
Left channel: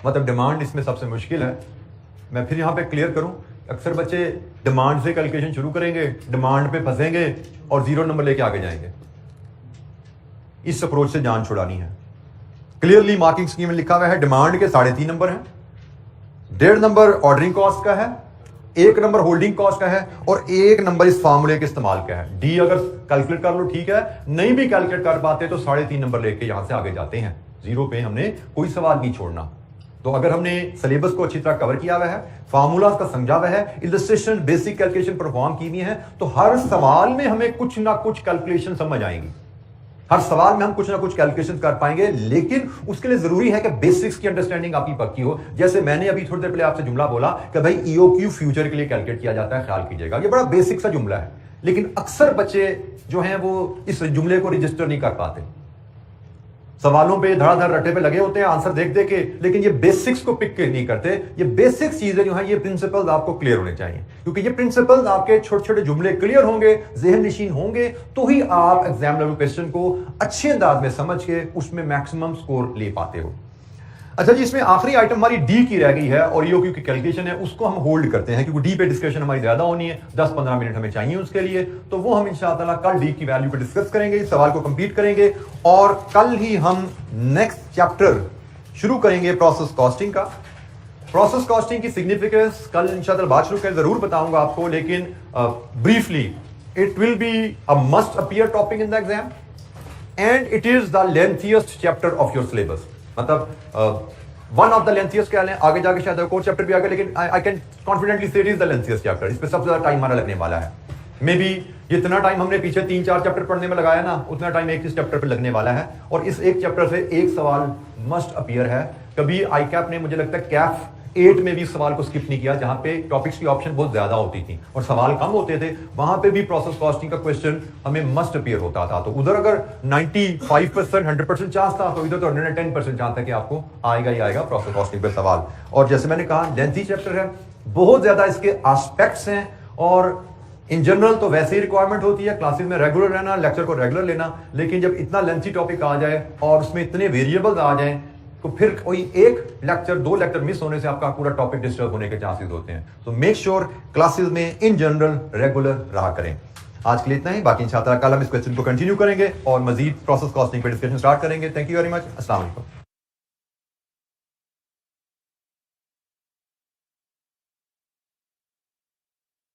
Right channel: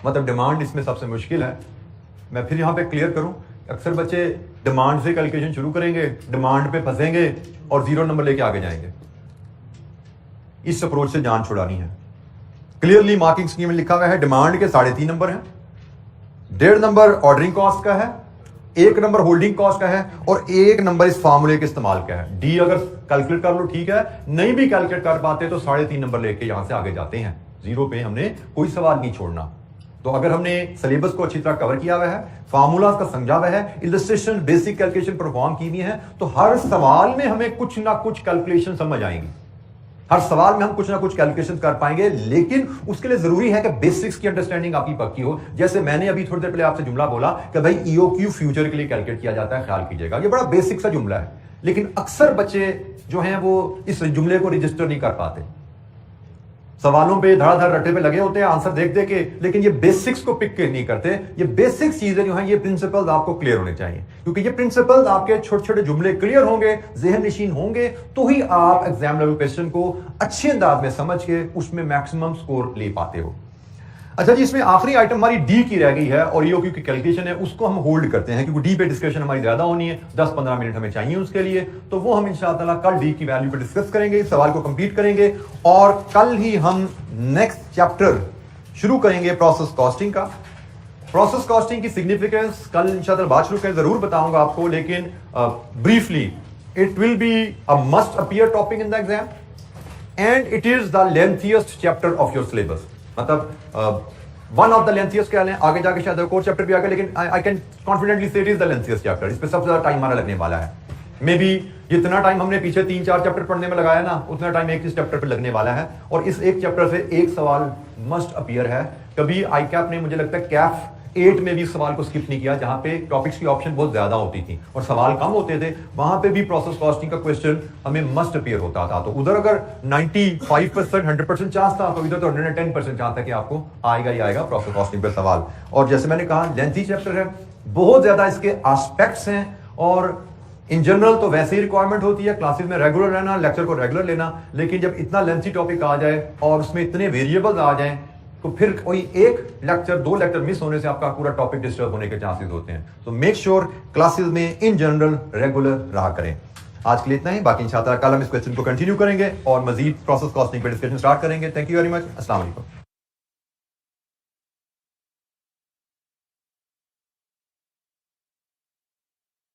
मतलब डिमांड इसमें सबसे मुश्किल है। मैं फिर यहां पे क्लियर करूं, अक्सर बच्चे डिमांड से कैलकुलेशन शुरू करेंगे, डिमांड पे फंसेंगे और 0 नंबर लेके आगे जाएंगे। इस अप्रोच से जान छुड़ानी है। क्लियरली मार्किंग स्कीम में लिखा हुआ है डिमांड के 3.5 नंबर हैं, 1.5 नंबर ऑर्डरिंग कॉस्ट का है, 1 नंबर होल्डिंग कॉस्ट का है, और 1 नंबर इस फार्मूले के इस्तेमाल का है। डी अगर कैलकुलेट कर लो ठीक है, नहीं भी कैलकुलेट कर पाते तो 3.5 नंबर लेके यहां से आगे जाते हैं। 0 पे हमने कोई सवाल नहीं छोड़ना। तो अगर हमने सिलेबस को अच्छी तरह कवर किया हुआ है, फार्मूला का समझा हुआ है, इलस्ट्रेशन बेसिक कैलकुलेशन परफॉर्म की हुई है, तो हर सवाल में हमें कुछ ना कुछ कैलकुलेशन समझ आएंगी। हर सवाल में हम कुछ ना कुछ कैलकुलेशन कर पाएंगे, लेकिन उसके लिए जरूरी है कि बेसिक्स की अंडरस्टैंडिंग आपकी पक्की हो। जैसे मैंने अभी थोड़ी देर पहले आपसे जुमला बोला कि भाई ईओक्यू फ्यूचर के लिए कैलकुलेट किया जाता है, ख्याल कीजिएगा। ये बड़ा बेसिक सा जुमला है, लेकिन अक्सर बच्चे जो हैं वो इस जुमले को रजिस्टर नहीं कर पाते। सवालों पे धड़ाधड़ रटे पे लगे होते हैं आंसर देख दे के, लेकिन ये बेसिक्स को पिक नहीं करते। ये बेसिक चीजें जो हैं, ये प्रिंसिपल्स आपको क्लियर होने चाहिए, क्योंकि ये प्रिंसिपल्स आपके छोटे छोटे जुमले क्लियर होंगे, ज़हन नशीन होंगे, तो ही आप एग्जाम लेवल क्वेश्चन को अच्छे अंदाज में समझ के उसमें मैक्सिमम स्कोर ले पाते हो। अच्छा जी, इसमें आखिरी आइटम हमारी डी की रह गई है और ईओक्यू की कैलकुलेशन है, उसको हम होल्ड करते हैं क्योंकि डी पे डिस्कशन हमारी ज्यादा होनी है, 10-15 मिनट हमें चाहिए उसके लिए, तो वो हम इंशाअल्लाह कल डी की वैल्यू पे डिस्कस करेंगे, इस सवाल को कंप्लीट करेंगे और कल ही हम नेक्स्ट चैप्टर शुरू करेंगे प्रोसेस कॉस्टिंग का। प्रोसेस कॉस्टिंग की सिग्निफिकेंस कल इंशाअल्लाह बात शुरू करें, जरूर बताऊंगा आपको, लेकिन briefly it will be a must appear topic in the exam and it is the lengthiest chapter of your syllabus. मतलब वन ऑफ द लेंथिएस्ट कह लें, आगे जाके शायद एक और चैप्टर भी आएगा, लेकिन I can confidently say it is the lengthiest chapter. इस पे सबसे ज्यादा टाइम हमारा लगने वाला है। मे बी जितना टाइम हमने पीछे 3-4 चैप्टर पढ़ने में लगाया ना, उतना टाइम एक इस चैप्टर पर लगने वाला है और इस एक चैप्टर से एक सवाल मस्ट अपीयर है। कभी आई कैप ने मुझे लगता है कैफ 8 में भी सवाल को स्किप नहीं किया, जहां पे टॉपिक्स की ऑप्शन बहुत ज्यादा होती थी और सवाल कम होते थे, वहां पे भी प्रोसेस कॉस्टिंग का क्वेश्चन हमें मस्ट अपीयर होता था। तो उधर अगर 95% 100% चांस था, तो इधर तो 110% चांस है कि आपको आएगा ही आएगा प्रोसेस कॉस्टिंग पे सवाल। और जैसे मैंने कहा लेंथी चैप्टर है, बहुत ज्यादा इसके एस्पेक्ट्स हैं और इन जनरल तो वैसे ही रिक्वायरमेंट होती है क्लासेस में रेगुलर रहना, लेक्चर को रेगुलर लेना, लेकिन जब इतना लेंथी टॉपिक आ जाए और उसमें इतने वेरिएबल्स आ जाएं, तो फिर कोई एक लेक्चर 2 लेक्चर मिस होने से आपका पूरा टॉपिक डिस्टर्ब होने के चांसेस होते हैं। तो मेक श्योर क्लासेस में इन जनरल रेगुलर रहा करें। आज के लिए इतना ही, बाकी इंशाअल्लाह कल हम इस क्वेश्चन को कंटिन्यू करेंगे और मजीद प्रोसेस कॉस्टिंग पे डिस्कशन स्टार्ट करेंगे। Thank you very much. अस्सलाम वालेकुम।